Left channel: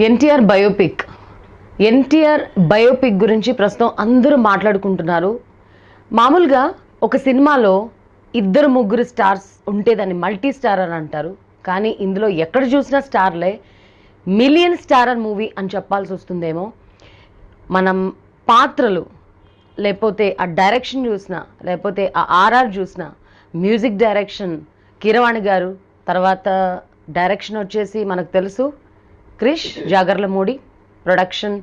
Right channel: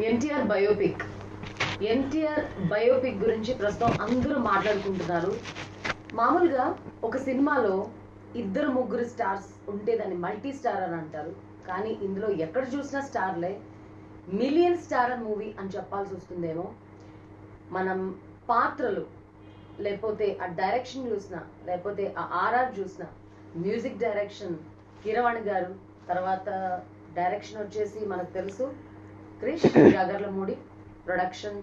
NTR biopic. NTR biopic గురించి ప్రస్తుతం అందరూ మాట్లాడుకుంటున్నారు. మామూలుగా ఒక సినిమాలో ఇద్దరు ముగ్గురు స్టార్స్ ఉంటే దాన్ని మల్టీ స్టార్ అని అంటారు. కానీ ఇందులో ఎక్కడ చూసినా స్టార్లే. మిలియన్ స్టారర్ మూవీ అని చెప్పాల్సి వస్తుందేమో. మనం పాత్రలు, లేకపోతే ఆ డైరెక్షన్ చూసినా, లేకపోతే ఆ ఆర్ఆర్ చూసినా, మ్యూజిక్ డైరెక్షన్ కీరవాణి గారు, తర్వాత డైరెక్షన్ వచ్చేసి మనకు తెలుసు క్రిష్ జాగర్లమూడి, ప్రొడక్షన్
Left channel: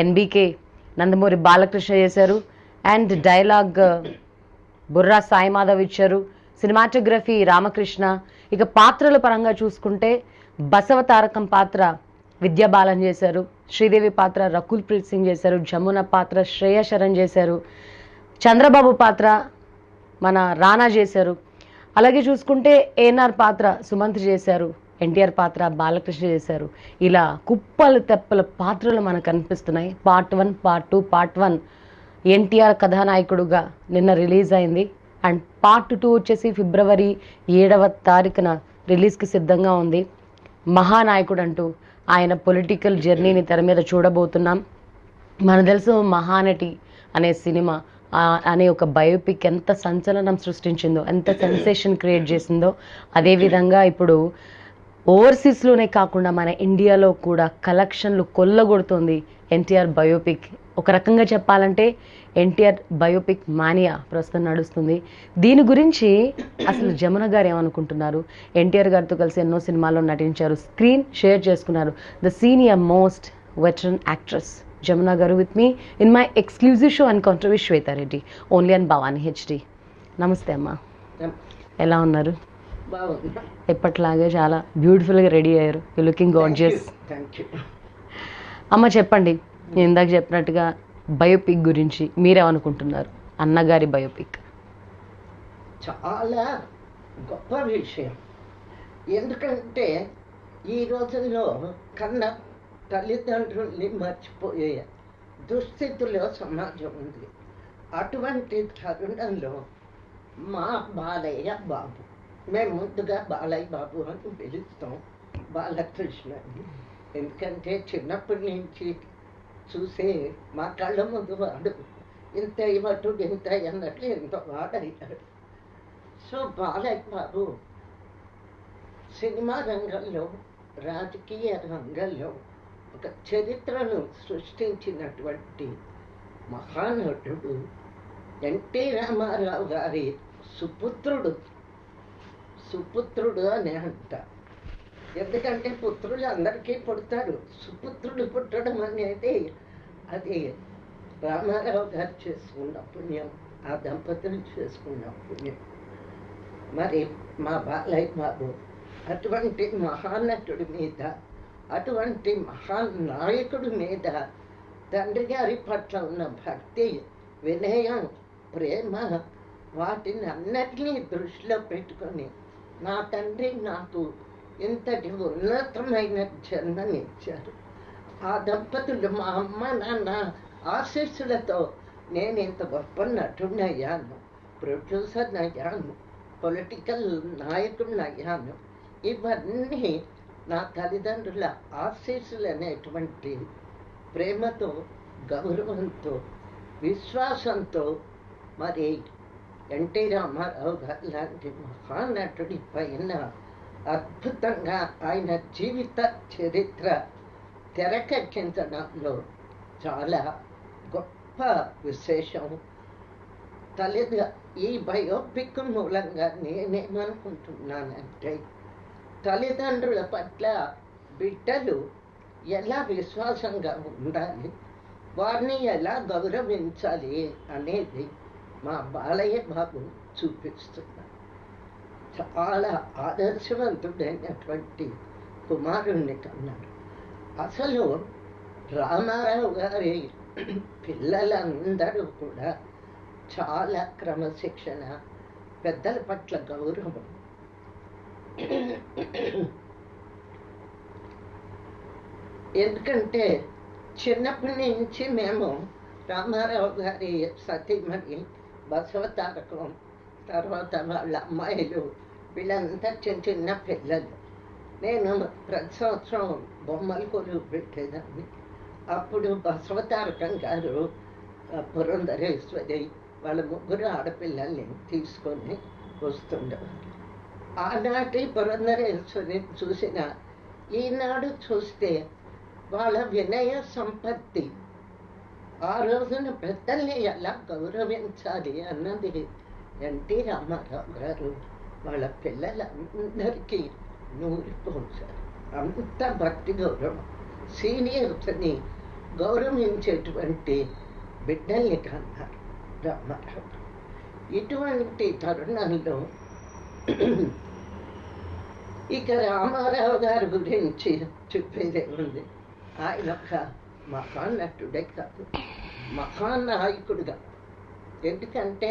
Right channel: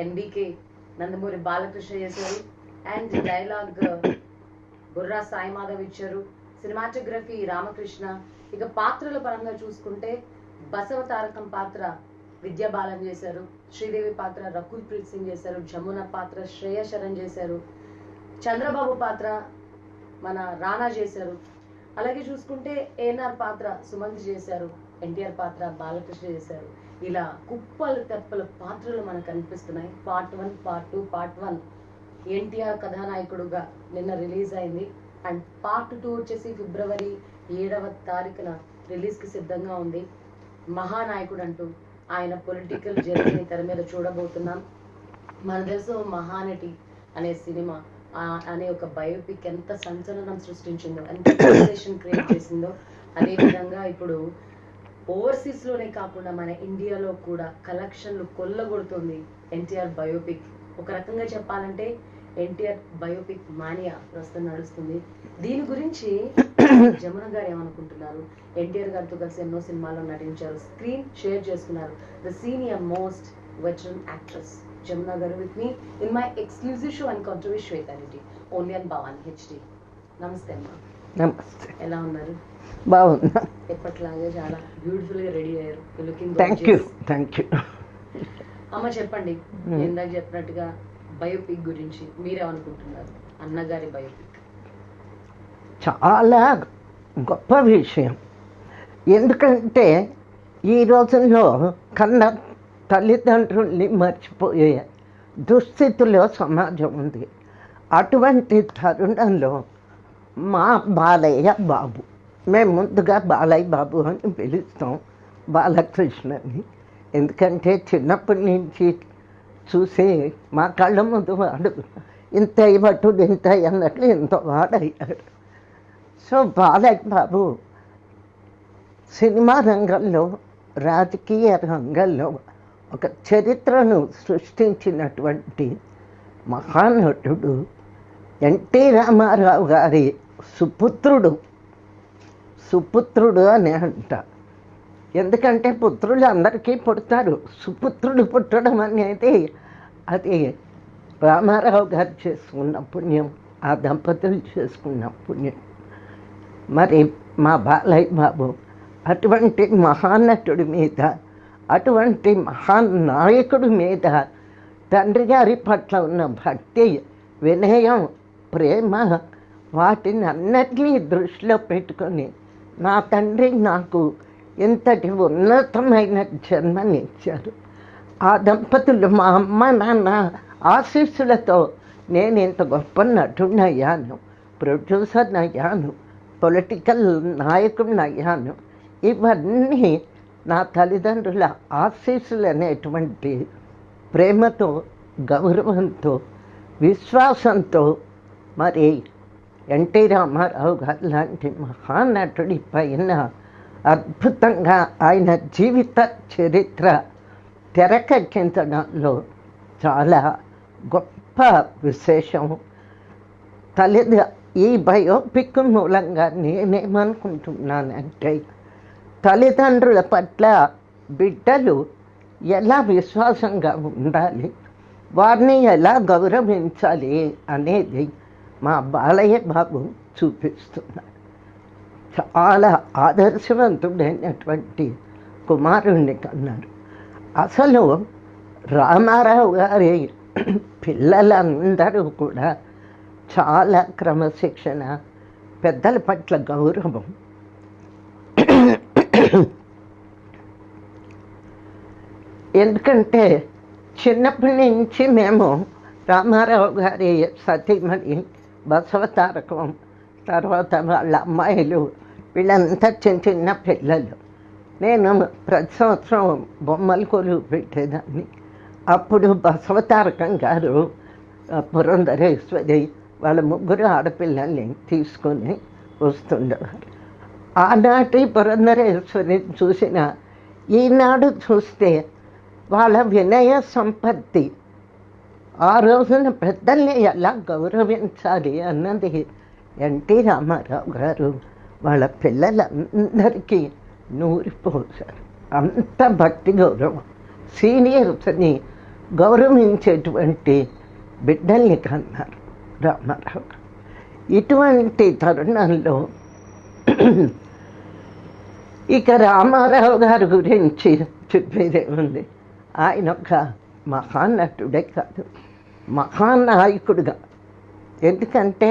ఎన్బికే నందమూరి బాలకృష్ణ చేశారు, అండ్ డైలాగ్ బుర్రా సాయి మాధవ్ ఇచ్చారు, సినిమాటోగ్రఫీ రామకృష్ణ. ఇక పాత్రల పరంగా చూసుకుంటే బసవ తారకం పాత్ర విద్యాబాలన్ చేశారు, శ్రీదేవి పాత్ర రకుల్ ప్రీత్ సింగ్ చేశారు, జమున పాత్ర శ్రేయ శరణ్ చేశారు, చంద్రబాబు పాత్ర మన రానా చేశారు. అలాగే చూసుకుంటే ఏఎన్ఆర్ పాత్ర సుమంత్ చేశారు, ఎన్టీఆర్ పాత్ర బాలకృష్ణ చేశారు. ఇలా కుప్పలు తెప్పల పాత్రలు మనకు కనిపిస్తున్నాయి. Part 1, part 2. పార్ట్ 1 ఎన్టీఆర్ కథానాయకుడుగా నిన్న రిలీజ్ అయింది, అండ్ పార్ట్ 2 వచ్చేసి ఫిబ్రవరి 7వ తారీఖున రిలీజ్కి సిద్ధంగా ఉంది. మహానాయకుడు అంటూ ఆయన పొలిటికల్ జర్నీని తెర మీద చూడబోతున్నాం. మనకు తెలుసు మహానటి అనే సినిమా అనే ఒక బయోపిక్ ఎంత సంచలనం సృష్టించిందో, ఎంత సెన్సేషన్ క్రియేట్ చేసిందో. అదేవిధంగా ఇప్పుడు ఓవర్సీస్లోనే కాకుండా మన ఇండియాలో కూడా కలెక్షన్లు కొల్లగొడుతుంది ఎన్టీఆర్ బయోపిక్. ఒక రకంగా చెప్పాలంటే ఎన్టీఆర్ బయోపిక్ మానియా ప్రస్తుతం నడుస్తుంది. దీని గురించి జమున గారు ఏమనుకుంటున్నారు? ఎన్టీఆర్ గారితో కలిసి ఎన్నో సినిమాల్లో నటించారు, స్క్రీన్ షేర్ చేసుకున్నారు. The senior most veteran actress Jamuna గారు with me in my exclusive show and controversy Shweta Reddy only and Bhavani HD. నమస్తే అమ్మా. నమస్తే. ఎలా ఉన్నారు? బాగున్నా. ఎప్పటిలాగే చాలా బ్యూటిఫుల్గా రెడీ అయ్యారు. You looking gorgeous. Thank you. అమ్మ చెప్పండి, నేను ఇందాక చెప్పినట్టుగా బయోపిక్ గురించి మీరేమనుకుంటున్నారు? అన్నగారి బయోపిక్ చాలా గొప్ప విషయం. ఎందుకంటే ఈ రోజుల్లో కన్నా తల్లిదండ్రుల్ని మర్చిపోయే దుస్థితిలో సమాజం ఉంది. అటువంటి తరుణంలో మా బాలయ్య బాబు, మేము ముందుగా బాలయ్య బాబు అని పిలుస్తాం, బాలకృష్ణని. ఎందుకంటే చిన్నప్పటి నుంచి చూసి మా కళ్ళ ముందు వాడు ఇంత ఇవ్వటు ఇంత అన్నట్లు ఇంత వాడయ్యాడు. సో బాలయ్య బాబు సినిమా రంగంలో, రాజకీయ రంగంలో ఒక చరిత్రను సృష్టించినటువంటి మహానటుడు. ఎన్టీ రామారావు గారి సుపుత్రుడు అని అంట. ఎందుకంటే పుత్రులు అందరికీ పుడతారు, సుపుత్రుడు పుట్టడం అనేది అది రామారావు గారు చేసుకున్న పుణ్యం, ఆ దంపతులు చేసుకున్న పుణ్యం. మరి మా బాలయ్య బాబు అటువంటి మహానటుడి మీద, అటువంటి మహానాయకుడి మీద తండ్రి గారి పట్ల ఉన్న భక్తి, వినయం, ప్రేమ, వాటిని అన్నిటినీ దృష్టిలో పెట్టుకొని నా తండ్రి నాకు ఇంతటి ఉన్నతమైన జన్మనిచ్చారు. ఆ దంపతులు మా అమ్మ నాన్న ఆశీస్సులతో నేను ఇంత గొప్ప నటుడిని అయ్యాను, ప్రొడ్యూసర్ని అయ్యాను, పొలిటికల్ నాయకుడిని అయ్యాను. ఇవన్నీ నా తల్లిదండ్రుల ఆశీస్సులు అనేటువంటి ప్రేమతో, గౌరవంతో, విశ్వాసంతో. మరి ఎన్టీ రామారావు గారు లాంటి మహానటుడి పైన అద్భుతంగా ఆయన జీవిత చరిత్ర తెరకెక్కించడంలో చాలా గొప్ప విశేషం. ఈ బయోపిక్ మూలంగా నేనేమనుకుంటున్నానంటే, తల్లిదండ్రుల పట్ల బిడ్డలు ఎలా విశ్వాసంగా ఉండాలి, వారిని ఎలా గౌరవించాలి అనేది మా బాలయ్య బాబు చూపిస్తున్నారు. చాలా ఆదర్శవంతుడైనటువంటి కుమారుణ్ణి కన్నారు. అసలు రామారావు గారి పిల్లలందరూ కూడా చాలా క్రమశిక్షణ, పెద్దల పట్ల గౌరవం. ఎందుకంటే చిన్నప్పటి నుంచి మేము రామారావు గారి సతీమణి బసవ తారకం, తర్వాత వాళ్ళ అమ్మాయిలు, వీళ్ళంతా చిన్న చిన్న పిల్లలు. నేను ప్రతి సంవత్సరం బొమ్మల కొలువు పెట్టేదాన్ని. అప్పుడు బసవతారకం గారు, పురంధరేశ్వరి వాళ్ళ ముగ్గురు ఆడపిల్లల్ని తీసుకొని వస్తుండేవారు. ఆనాటి పురంధరేశ్వరిని చూసిన ఈనాడు చూస్తే వాళ్ళ వినయ సంపత్తి, ఆ రోజున పెద్దల్ని ఎలా గౌరవించాలి అన్నది ఎన్టీ రామారావు గారు వాళ్ళ పిల్లలందరికీ నూరిపోసారు. అంత భక్తి గౌరవం, సీనియర్స్ని గౌరవించేటువంటి బిడ్డల్ని కన్నారు రామారావు గారు. ఇటువంటి తరుణంలో ఇక రామారావు గారి గురించి చెప్పేదే ఉంది. ఆయన ఒక మహానటుడే కాదు, మహానాయకుడుగా. ఎందుకంటే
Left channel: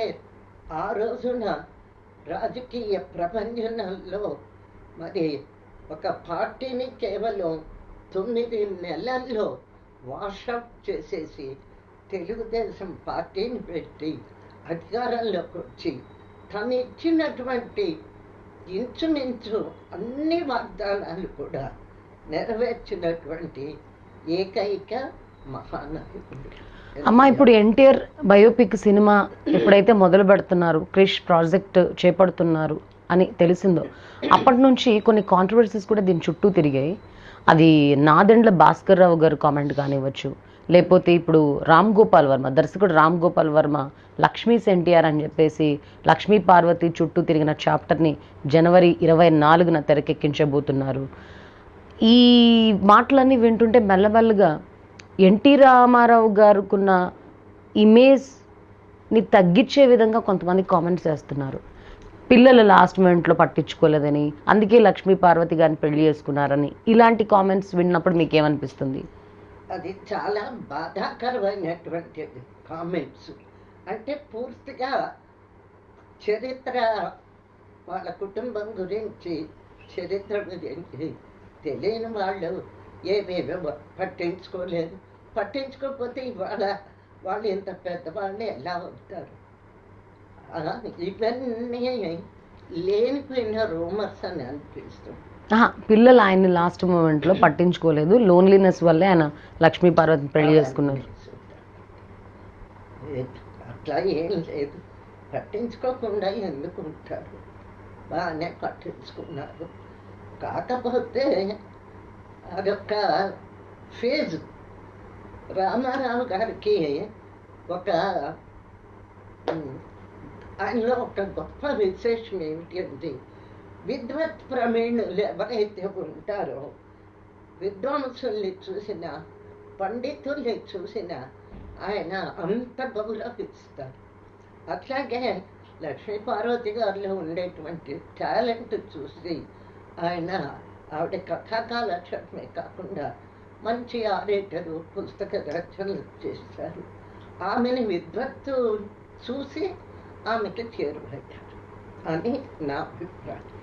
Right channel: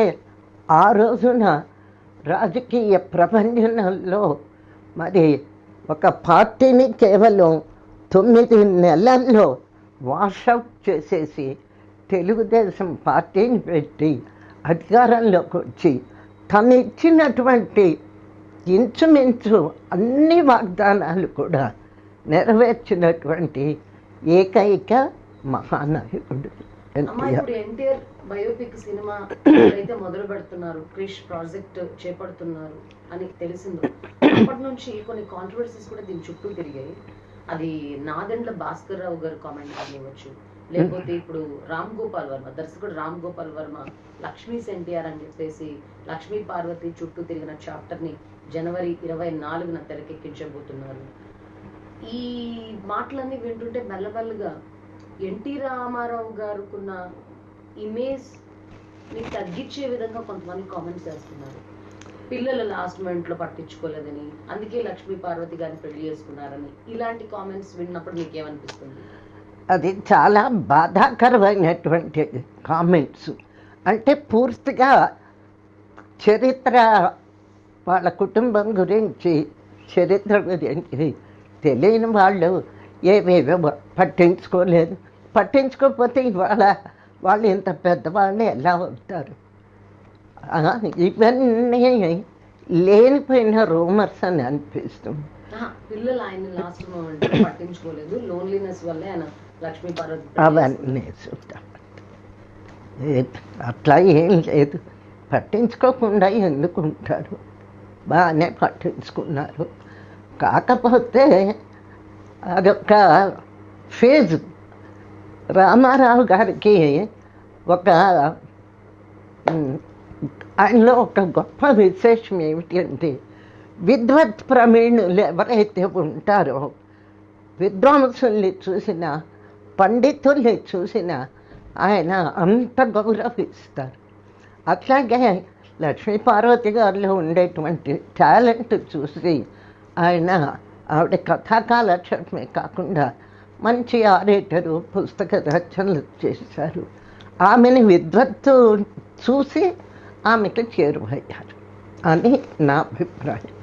ఆ రోజున రాజకీయ ప్రపంచంలో మరి ఒక పార్టీని కేవలం 9 నెలల్లో వాషౌట్ చేసేసి తెలుగుదేశం పార్టీని పెట్టి అధికారంలోకి వచ్చి తను ఇచ్చినటువంటి ఇంచుమించు అన్ని వాగ్దానాలు కూడా నెరవేర్చినటువంటి ఏకైక మహానాయకుడు. అమ్మ, ఇప్పుడు ఎన్టీఆర్ బయోపిక్ సినిమా ఇప్పుడైతే మొదలు పెడుతున్నారు, క్రిష్ ప్రాజెక్ట్ చేపడుతున్నారు అని తెలిసిందో అప్పటి నుంచి కొన్ని కాంట్రవర్సీస్ కూడా దీని చుట్టూ తిరిగాయి. అది నాదెండ్ల భాస్కర్ రావు గారు కామెంట్ కానివ్వచ్చు, లేకపోతే ఇప్పుడు రామ్ గోపాల్ వర్మ, దర్శకుడు రామ్ గోపాల్ వర్మ లక్ష్మీస్ ఎన్టీఆర్ అని చెప్పేసి లక్ష్మీ పార్వతి చుట్టూ తిరిగిన చాప్టర్ని జనవరి 24న తెరకెక్కించబోతున్నారు. ఈ మాటలన్నీ వింటుంటే మెల్లమెల్లగా ఎన్టీ రామారావు గారుకున్న ఇమేజ్ని తగ్గించే విధంగా కొంతమంది కామెంట్స్ చేస్తున్నారు. పిల్లలు లాస్ట్ మూమెంట్లో పట్టించుకోలేదని, అందుకే లక్ష్మీ పార్వతి గారిని పెళ్లి చేసుకున్నారని, ఇలాంటి కామెంట్స్ విన్నప్పుడు మీకు ఏమనిపిస్తుంది? అది చాలా బాధాకరమైనటువంటి కామెంట్స్. అంటే పూర్తిగా చరిత్ర, వాళ్ళ కుటుంబం గురించి, చరిత్ర గురించి తెలియని వాళ్ళు ఏవేవో పట్టించుకోలేదు. పట్టించుకోకపోతే ఇవాళ వాళ్ళు ఇంత పెద్దవాళ్ళు ఎలా అవుతారు? ఇవన్నీ లేనిపోయిన రూమర్స్ అని అనిపిస్తుంది. పిల్లలు ఆయన్ని లాస్ట్ మూమెంట్లో పట్టించుకోలేదు, లోన్లీనెస్ వల్లే ఆయన లక్ష్మీ పార్వతి పెళ్లి చేసుకున్నారు. అట్లా ఏం లేదు, పట్టించుకోకుండా ఎందుకు ఉంటారు? బాగానే పట్టించుకున్నారు. కాకపోతే అదొక ఫేజ్. రామారావు గారికి ఒక ఆయనలో ఒక గొప్ప విశేషం ఏమిటి అంటే, విద్వత్ ప్రవీణులు ఎవరైతే ఉంటారో, విద్వాంసుల్ని చూసినా, పండితుల్ని చూసినా ఆయన అంత గౌరవిస్తారు. అట్లాగే లక్ష్మీ పార్వతి గారిలో ఉండేటువంటి టాలెంట్ చూసి ఆయన, ఆవిడ కథాకాలక్షేపమే కాకుండా మంచి ఆరేటరు, పుస్తక రచనలు చేశారు. ఆమెని విద్వత్తు చూసి ఆమెకు చేరువయ్యారు అని నా అభిప్రాయం.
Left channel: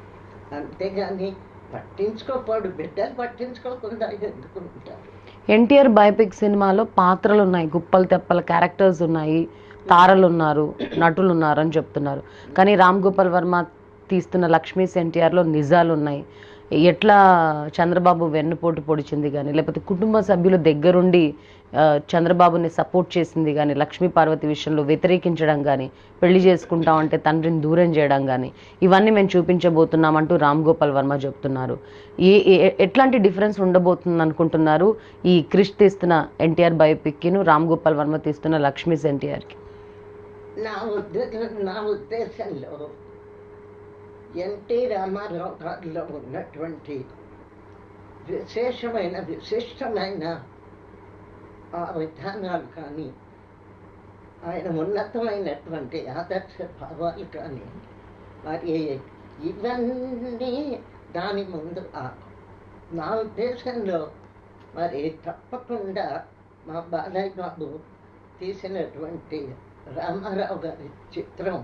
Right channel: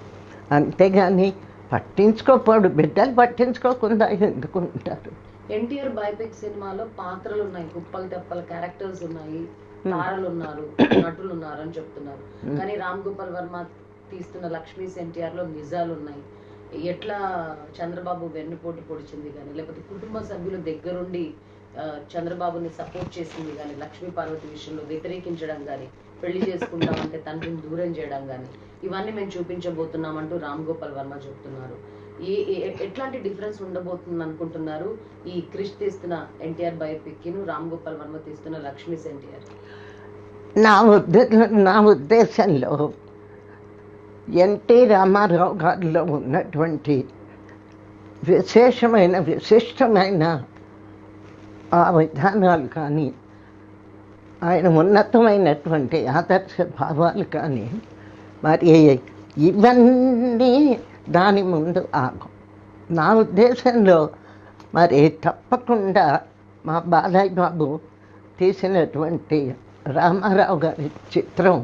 అంతేగాని పట్టించుకోపోడు, బిడ్డలు పట్టించుకోకుండా ఎందుకు ఉంటారు? ఎన్టీఆర్ బయోపిక్ సినిమాలో పాత్రలు ఉన్నాయి, గుప్పలు తెప్పల క్యారెక్టర్స్ ఉన్నాయి, తారలు ఉన్నారు, నటులు ఉన్నారు అని చెప్తున్నారు. కానీ రామ్ గోపాల్ వర్మ తీస్తున్న లక్ష్మీస్ ఎన్టీఆర్లో నిజాలు ఉన్నాయి. ఎట్లా చంద్రబాబు వెన్నుపోటు పొడిచింది కానీ, లేకపోతే కుటుంబ సభ్యుల దగ్గరుండి చంద్రబాబుని సపోర్ట్ చేసింది కానీ, లక్ష్మీ పార్వతి విషయంలో వ్యతిరేకించడం కానీ, పెళ్లి చేసుకుంటామంటే తండ్రిని దూరం చేయడం కానీ, ఇవన్నీ మేము చూపించబోతున్నామంటూ రామ్ గోపాల్ వర్మ చెప్తున్నారు. ఎట్లాంటి డిఫరెన్స్ ఉండబోతుంది అనుకుంటున్నారు ఈ క్రిష్ తీస్తున్న ఎన్టీఆర్ బయోపిక్ను రామ్ గోపాల్ వర్మ తీస్తున్న లక్ష్మీస్ ఎన్టీఆర్కి? నా ఉద్దేశంలో ఎన్టీ రామారావు గారిలో ఉన్నటువంటి విశిష్టమైన ఆ విధానాలు కానీ, ఆయన ఉన్నతమైనటువంటి ఆదర్శ భావాలు కానీ, మరి ఇవన్నీ దాని ముందు ఆగం. నా ఉద్దేశంలో మరి తప్పకుండా మా బాలయ్య బాబు తీసినటువంటి రామారావు గారి చిత్రం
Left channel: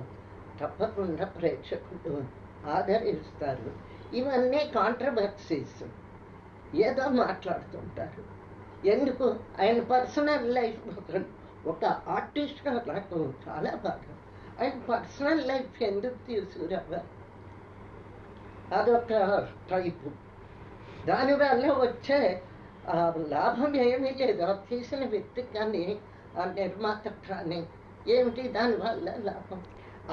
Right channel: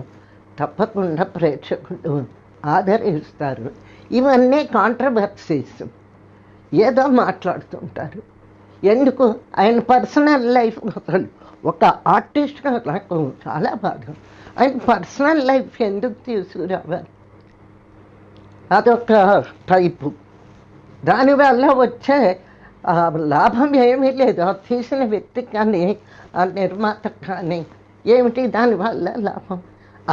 తప్పకుండా ప్రేక్షకులు ఆదరిస్తారు. ఇవన్నీ కాంట్రవర్సీస్, ఏదో మాట్లాడుతుంటారు. ఎందుకు? ఆయన పర్సనల్ లైఫ్ ఒక ఆర్టిస్ట్గా నాకు చాలా బాధ. ఆయన పర్సనల్ లైఫ్ ఎందుకు తీసుకురావాలి? అదొక టైపు. దానివల్ల వచ్చే లాభం ఏమీ లేదు. ఆ తీసిన వ్యక్తికి కానీ ఆ నిర్మాత కానీ ఏమిటి దానివల్ల లాభం?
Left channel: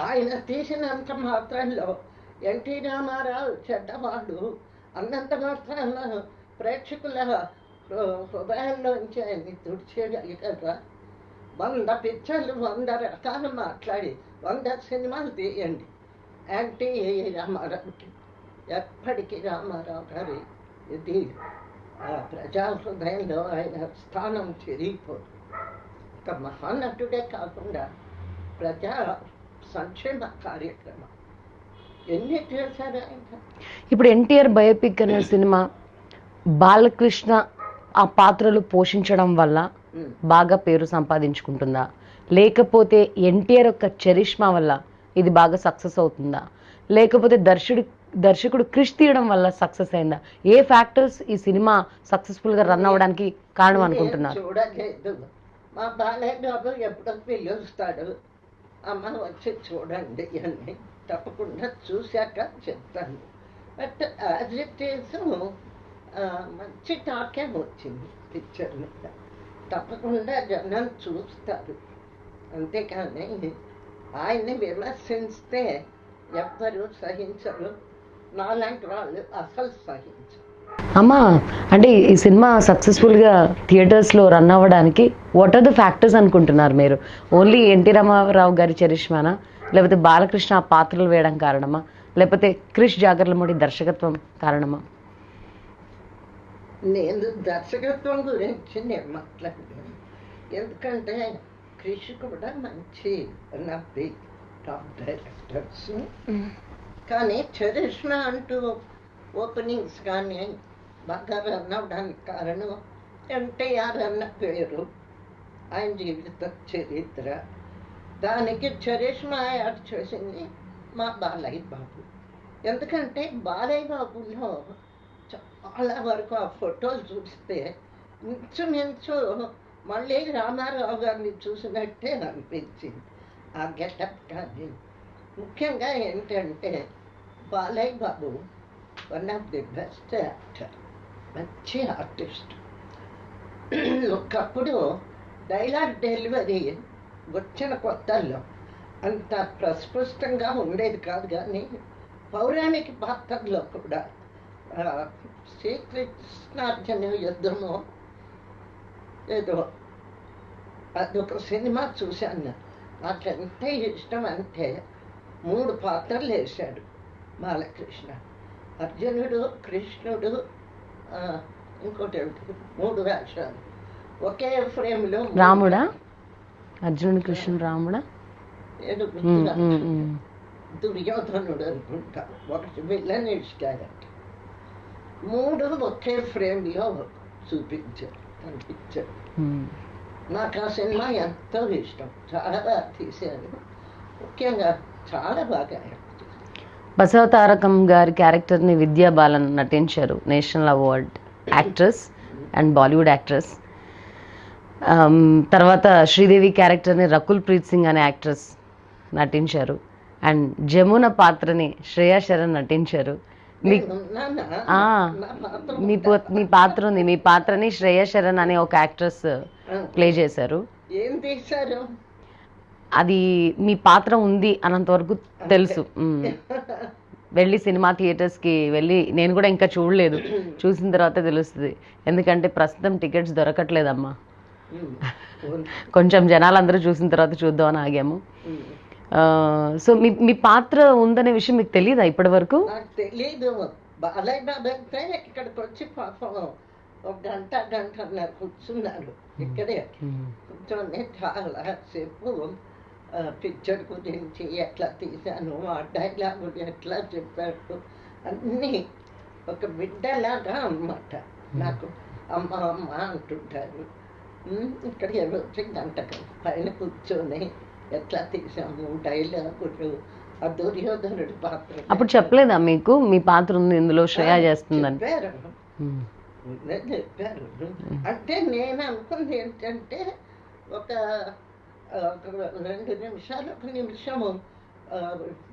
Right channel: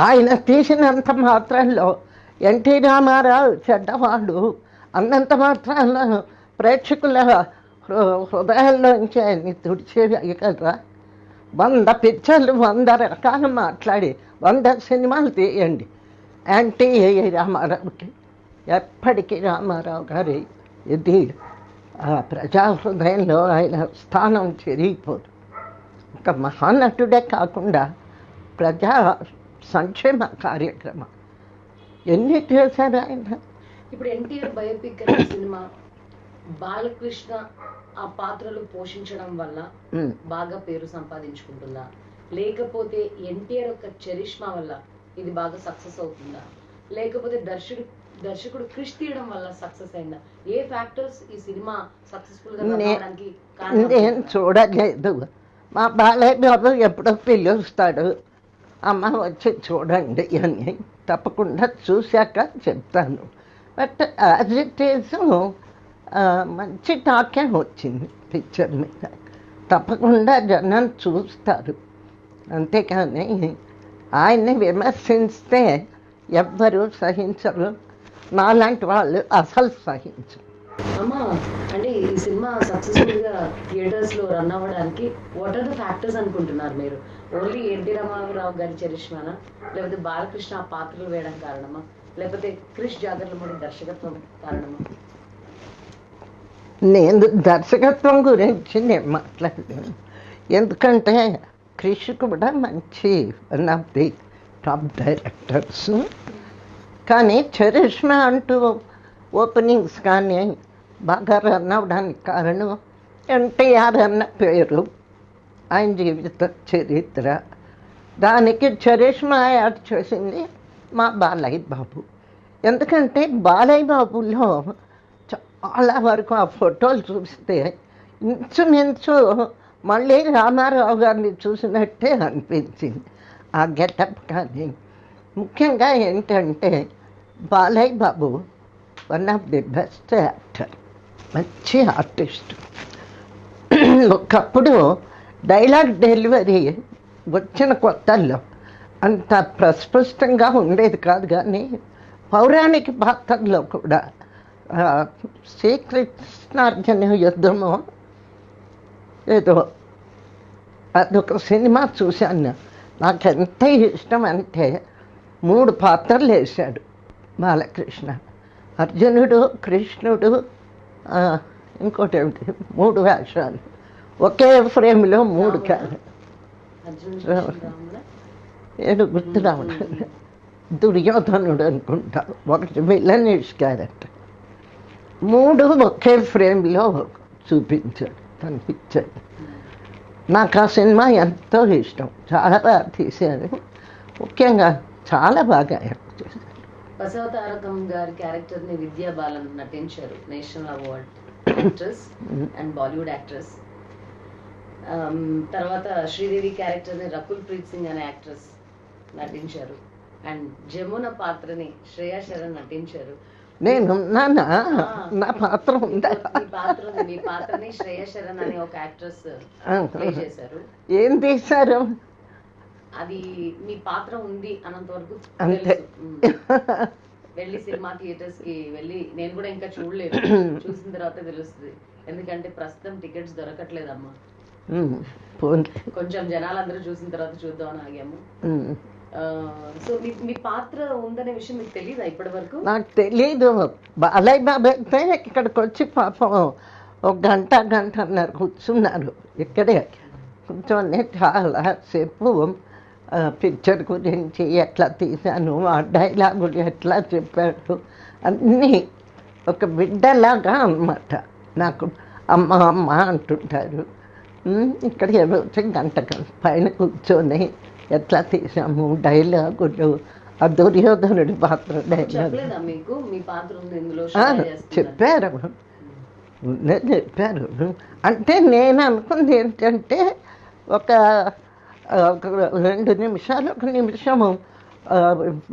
ఆయన తీసినంత మాత్రంలో ఎన్టీ రామారావు చెడ్డవాడు అన్నంత మాత్రాన ప్రేక్షకుల హృదయాల్లోంచి ఆయన్ని తుడిచేయగలరా? 100 పిక్చర్లు 100 రకాలు మాట్లాడి 100 సినిమాలు తీయండి యాంటీ రామారావుకి. ఎప్పటికీ రామారావు గారి ఇది ప్రజా హృదయంలో ఆయన స్థానం చెరిగిపోదు. ఒక మహానటుడే కాకుండా ప్రజా సంక్షేమ కార్యక్రమం ఎన్ని చేశారు ఆయన. ఇప్పుడు ఎన్టీఆర్ బయోపిక్ అనే సినిమా బాలకృష్ణ ఆ పాత్రలు పోషించడం వల్ల బాగా పేరు సంపాదించుకుంటుందా, లేకపోతే ఎన్టీఆర్ యొక్క చరిష్మా వల్ల ఇది బాగా సక్సెస్ అవుతుందా, లేకపోతే దర్శకుడు క్రిష్ తీయడం వల్ల సక్సెస్ అయిందా? ఏ ఫ్యాక్టర్స్ ఈ సినిమా సక్సెస్ఫుల్ గా రన్ అవ్వడానికి కారణం అనుకుంటున్నారు? చూడలేదు. మా బాలయ్య బాబు ఎప్పుడో పిలుస్తాడు, అమ్మ వచ్చి చూడండి అని. తప్పకుండా చూశాక చెప్తాను. బట్ యాజ్ ఇట్ ఈస్ మంచి టాకే వచ్చింది పిక్చర్ మీద. తప్పకుండా జనం చూస్తారు. అంతేకాని ఆయన్ని విమర్శిస్తే ఎవ్వరూ సహించరు. నాలాంటి వాళ్ళు అసలు సహించరు. అమ్మా, అంటే ఈ సినిమా సక్సెస్ఫుల్గా థియేటర్స్లో రన్ అవ్వడానికి వాట్ ఆర్ ద ఫ్యాక్టర్స్ అనుకుంటున్నారు మీరు? ఓన్లీ ఎన్టీ రామారావు గారి చరిష్మానా, లేకపోతే బాలకృష్ణ ఆ పాత్రలు వేయడం కారణమా, లేకపోతే క్రిష్ జాగర్లమూడి దర్శకత్వం కారణమా? నేను దర్శకత్వం గురించి నేను మాట్లాడలేను. ఎందుకంటే క్రిష్ కూడా మంచి one of the top directors. కానీ చరిష్మా అంటూ ఓపెనింగ్స్ కానీ బాగా రన్ అవ్వడానికి కారణం ఎన్టీఆర్ అన్న పేరు, ఆయన జీవిత చరిత్ర. దానికి చరిష్మా యాడ్ చేసింది మా బాలయ్య బాబు. ఎందుకంటే బాలయ్య బాబులో చాలా వరకు ఆ ఫోటోలు చూస్తే ఇంచుమించు మళ్ళీ రామారావు గారిని చూసినట్టే అనిపించింది ఆ గెటప్. కానీ ముఖ్యంగా ఏంటంటే Balayya Babu one of the best actor, మంచి ఆర్టిస్ట్. ఒకప్పుడు డైలాగ్ డెలివరీ వచ్చిన కొత్తల్లో అంత ప్రస్పష్టంగా ఉండేది కాదు. కానీ పౌరాణిక పాత్రలో కూడా శ్రీకృష్ణార్జున యుద్ధము ఏదో అదొక సినిమా చూశాను. నాకు ఎంత ఇష్టం అంటే 3 పాత్రలు వేశాడు బాలకృష్ణ. అర్జునుడు, కృష్ణుడు, ఇంకోటి ఏమిటి, 3 వేషాలు ఒకే ఫ్రేమ్లో. రాముడా, అర్జునుడు, కృష్ణుడు, రాముడా, ఏడు గుర్తు దుర్యోధనుడు అనుకుంటా. ఒకటి విలనిష్ క్యారెక్టర్. 3 ఒకే ఫ్రేమ్లో చూపించాడు, కనిపించాడు. నాకు ఆ సినిమా ఎంతో ఇష్టం. చాలా బాగా తీశారు. ముఖ్యంగా చాలా బాగా యాక్ట్ చేశారు. బసవతారకం గారి క్యారెక్టర్ని విద్యా బాలన్ నటించారు, national award actress and Bollywood actress. తర్వాత శ్రీదేవి క్యారెక్టర్ని రకుల్ ప్రీత్ సింగ్ అనే యాక్ట్రెస్ నటించారు. అండ్ జమున పాత్రని శ్రేయా శరణ్ నటించారు. నేను నా పాత్ర మీ పాత్ర ఉంది. మీ పాత్రని శ్రేయా శరణ్ అనే ఒక యాక్ట్రెస్ ప్లే చేశారు. ఏం తీశారు? అది మీ పాత్ర ఉంది అన్నంత వరకు తెలుసు. వెళ్ళి సినిమా థియేటర్స్కి వెళ్ళి నేను కూడా ఇంకా చూడలేదు, చూసిన తర్వాత తెలుస్తుంది. ఎందుకంటే ప్రస్తుతం టికెట్స్ దొరకట్లేదమ్మా. కొంచెం జనాలందరూ చూసిన తర్వాత చూద్దామని ఆగాము. సో మీ పాత్ర ఉందనే విషయం మీకు తెలియదా ఇప్పటి వరకు? నాకు తెలీదు. బాలయ్య బాబు అయితే ఇక్కడికి వచ్చి పాపం 1 గంటన్నర కూర్చున్నారు ఇక్కడే. కూర్చొని చాలా సేపు పిక్చర్ గురించి ఎట్లా తీశాను, ఆ డైలాగులు ఎట్లా చెప్పాడు అన్నీ ఒక బిడ్డలాగా అన్నమాట. నాకు అమ్మ అమ్మ అంటుంటారు. ఇక్కడ వచ్చి గంట పైన కూర్చొని ఎట్లా తీసాము డైలాగులు, ఆ దుర్యోధనుడి పాత్ర. అప్పుడు చెప్పలేదా మీకు మీ పాత్ర ఉంది ఇందులో, శ్రేయా చేస్తుందని? చెప్పారు. అంటే నేను అనుకుంది ఏంటంటే ఒక 2 నిమిషాలు 1 నిమిషము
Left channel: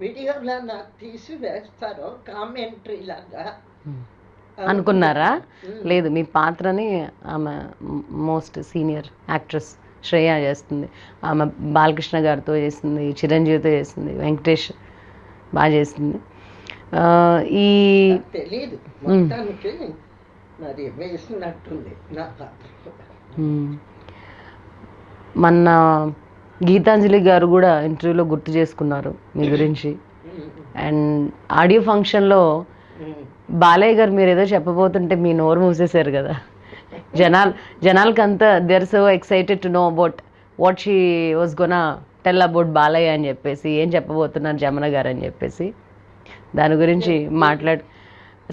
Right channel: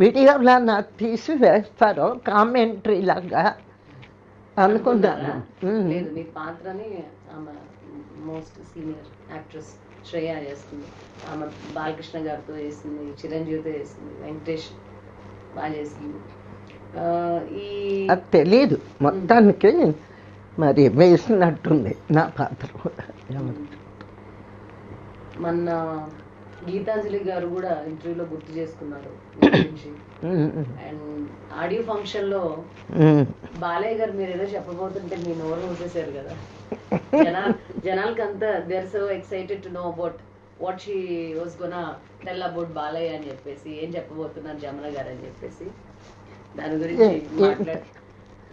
వీడియోలా నాకు తీసి వేస్తారు కామెంటరీ లాగా. అనుకున్నారా? లేదు, మీ పాత్రని ఆమె మోస్ట్ సీనియర్ యాక్ట్రెస్ శ్రేయ చేస్తుంది. ఆమె బాలకృష్ణ గారితో చేసింది, చిరంజీవితో చేసింది, వెంకటేష్ బాగా చేసింది. ఈ అది తెలియదు మొత్తానికి, మరి వేసినట్టుంది నా పాత్ర కూడా. మొన్న గీతాంజలి గారు కూడా ఇంటర్వ్యూలో గుర్తు చేసుకున్నారు మీ గురించి. అండ్ ఆడియో ఫంక్షన్లో బాలయ్య గారు మీరు ఏదో చెప్పబోతుంటే మీ నోరు మూసేశారు కదా. జనాలకంతా they are so excited to know about what she was gonna tell about Balayya అని చెప్పేసి, ఏం చెప్పబోతున్నారు జమున గారు అని చెప్పేసి. దాని గురించి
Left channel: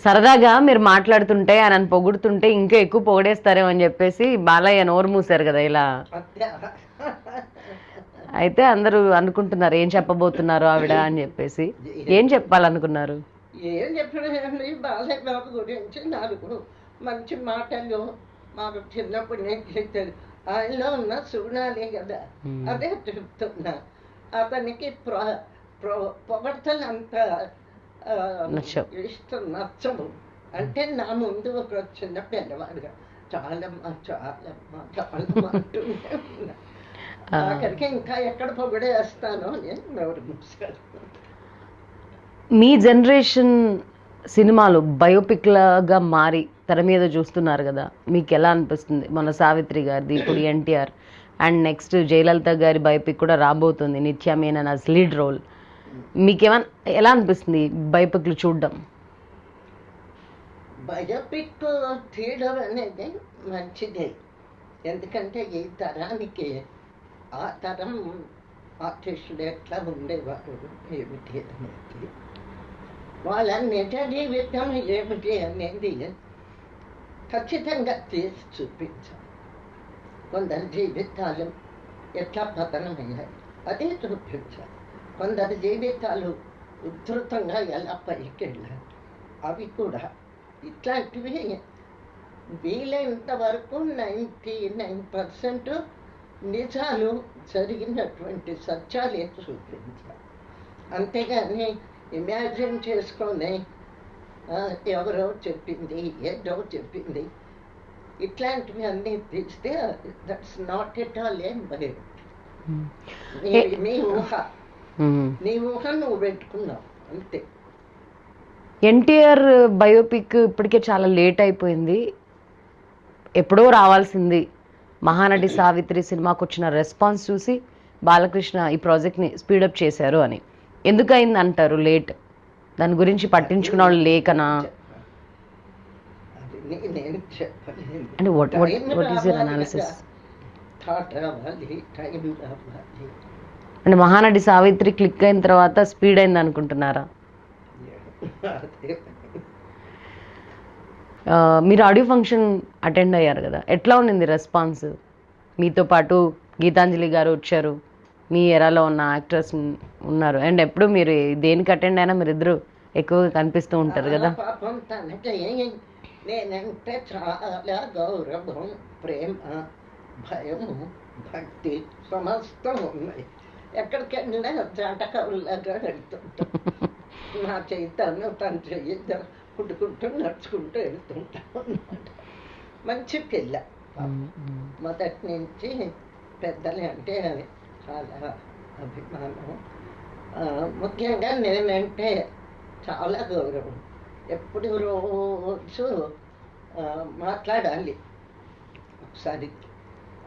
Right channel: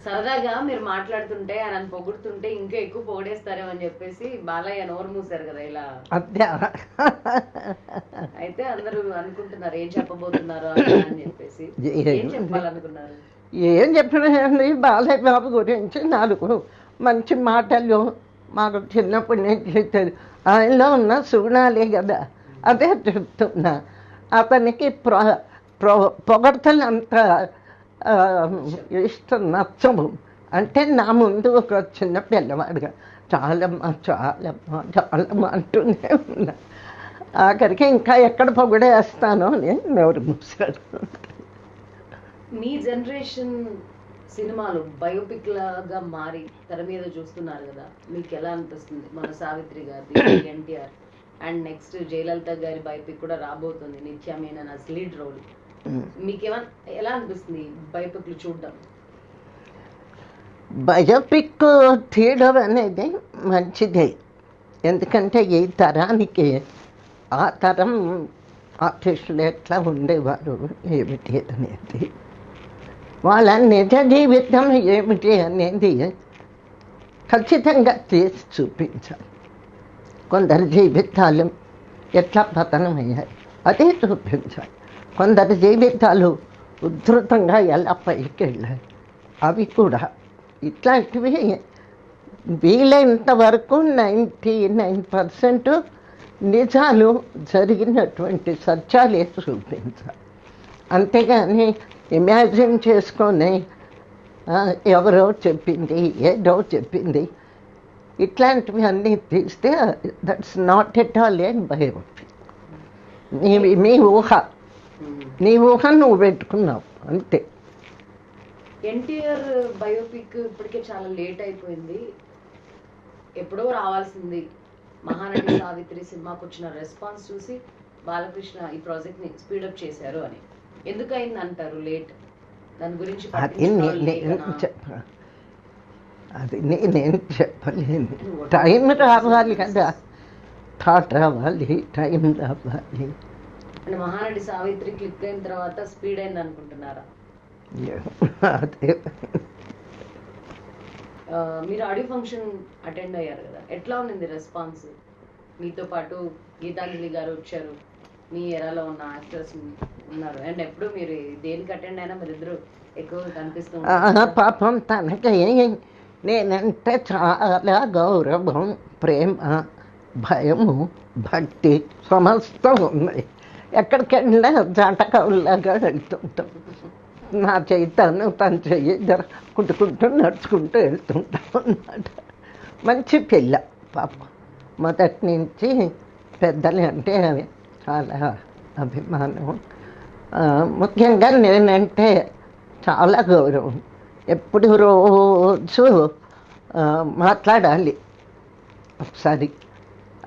సరదాగా మీరు మాట్లాడుతుంటే ఆయన పొగుడుతుంటే ఇంకా ఎక్కువ పొగడేస్తారేమో అని చెప్పేసి బాలయ్య నోరు మూసారు కదా ఇలా. అయితే అందరూ అనుకుంటున్నారు ఏం చెప్పబోతున్నారు ఆవిడ అని చెప్పేసి. ఏం చెప్పాలనుకున్నారు? ఏం చెప్పినండి, బాలయ్య బాబు గురించి 4 మంచి మాటలు మాకు చిన్నప్పటి నుంచి ఆయనలో ఉన్న సుగుణాలే కదా, అదే చెప్తున్నా. అతనికి పొగడతలు అంత ఇష్టం నచ్చము. అంటే నా ముందు ఒక చిన్న పిల్లవాడుగా చాలమ్మా చాలమ్మా చాలమ్మా అంటూనే ఉన్నా. ఆఖరికి ఇంకా ఎక్కడ పొగడేస్తానో అని నోరు మూసాడు. మీ జనరేషన్ సినిమాలు బయోపిక్లాగా మారి తెర మీద చూస్తున్నారు కదా, మీకు ఎలా అనిపిస్తుంది? మన సావిత్రి గారిది, ఎన్టీఆర్, అండ్ నెక్స్ట్ జయలలిత గారి బయోపిక్ కూడా రాబోతుంది, నిత్య మీనన్ యాజ్ లీడ్ రోల్. మీకేమన్నా ఎలా అనిపిస్తుంది బయోపిక్లు చూడడం? బయోపిక్ తీయడం అనేది మంచిదే, ఎందుకంటే ఈ తరానికి ఆ తరం ఆర్టిస్టులు ఎట్లా ఉండేవారు ఏమిటి అనేది, వాళ్ళ నిజ జీవితం ఏమిటి అనేది ఖచ్చితంగా తీసి చూపించాలి. కొందరి జీవితాలు ఎట్లా పతనమయ్యాయి అదే చూపించాలి. కొందరి జీవితాలు ఉధృతంగా ఎలా పైకి వెళ్ళాయి అవి కూడా. ఇట్లాంటివి వీలైనంత వరకు 99% నిజాలు జరిగినటువంటి సత్యాలే చూపించాలి. అంతేగాని ఇమాజిన్ చేసుకొని ఎవరో చెప్పింది ఏదో చెప్పింది ఇట్లాంటివి అన్నీ తీస్తే దట్స్ నాట్ ఎట్ ఆల్ ఏం బయోపిక్. నీ ఊహ, నీ ఊహ నువ్వు పెట్టుకున్నావు అంతే. ఎన్టీఆర్ బయోపిక్ ఇప్పటికే చాలా లేట్ అయిపోయింది, ఎప్పుడో రావాల్సింది. మహానటి సావిత్రి సినిమాకు వచ్చిన రెస్పాన్స్ చూసి బాలకృష్ణ ఈ ప్రాజెక్ట్ని స్పీడప్ చేశారు అని. ఎందుకు అయింది అంటారు లేట్? దాని గురించి పట్టించుకున్న వాళ్ళు లేకనా? అది నేనేం చెప్పలేను. అంటే టైం రావాలి కదా, థాట్ రావాలి, టైం రావాలి. అంటే మహానటి సావిత్రి క్లిక్ అయిన తర్వాత స్పీడ్ అయింది అనుకుంటున్నారా? అదే. మీరు ఆడియో ఫంక్షన్ అటెండ్ అయ్యారు కదా, ఎట్లా ఉండింది రెస్పాన్స్? మీతో పాటు గీతాంజలి గారు వచ్చారు, మీ ఎరాలో ఉన్న యాక్టర్స్ ఉన్నారు, అండ్ ఎప్పుడు మీరు దేనికి అటెండ్ అయినా మీరు ఇద్దరు ఎక్కువగా కనిపిస్తూ ఉంటారు. పాపం తనకి నేనంటే చాలా గౌరవం, ప్రేమ, భయము, భక్తి సమస్తం ఉన్నాయి. ఎక్కడికి వెళ్ళినా జాటకవులాగా వెళ్తుంటాం. నా చెయ్యి తను, తన చెయ్యి కుట్టుకుంటూ నడుచుకుంటూ వెళ్తుంటాం అన్నమాట. మంచి పిల్ల పాప. మొదటి నుంచి పెద్దలు అంటే చాలా అభిమానం. ముఖ్యంగా నేనంటే చాలా గౌరవం. ఎప్పుడు రోజు మాట్లాడాలి. ఒకసారి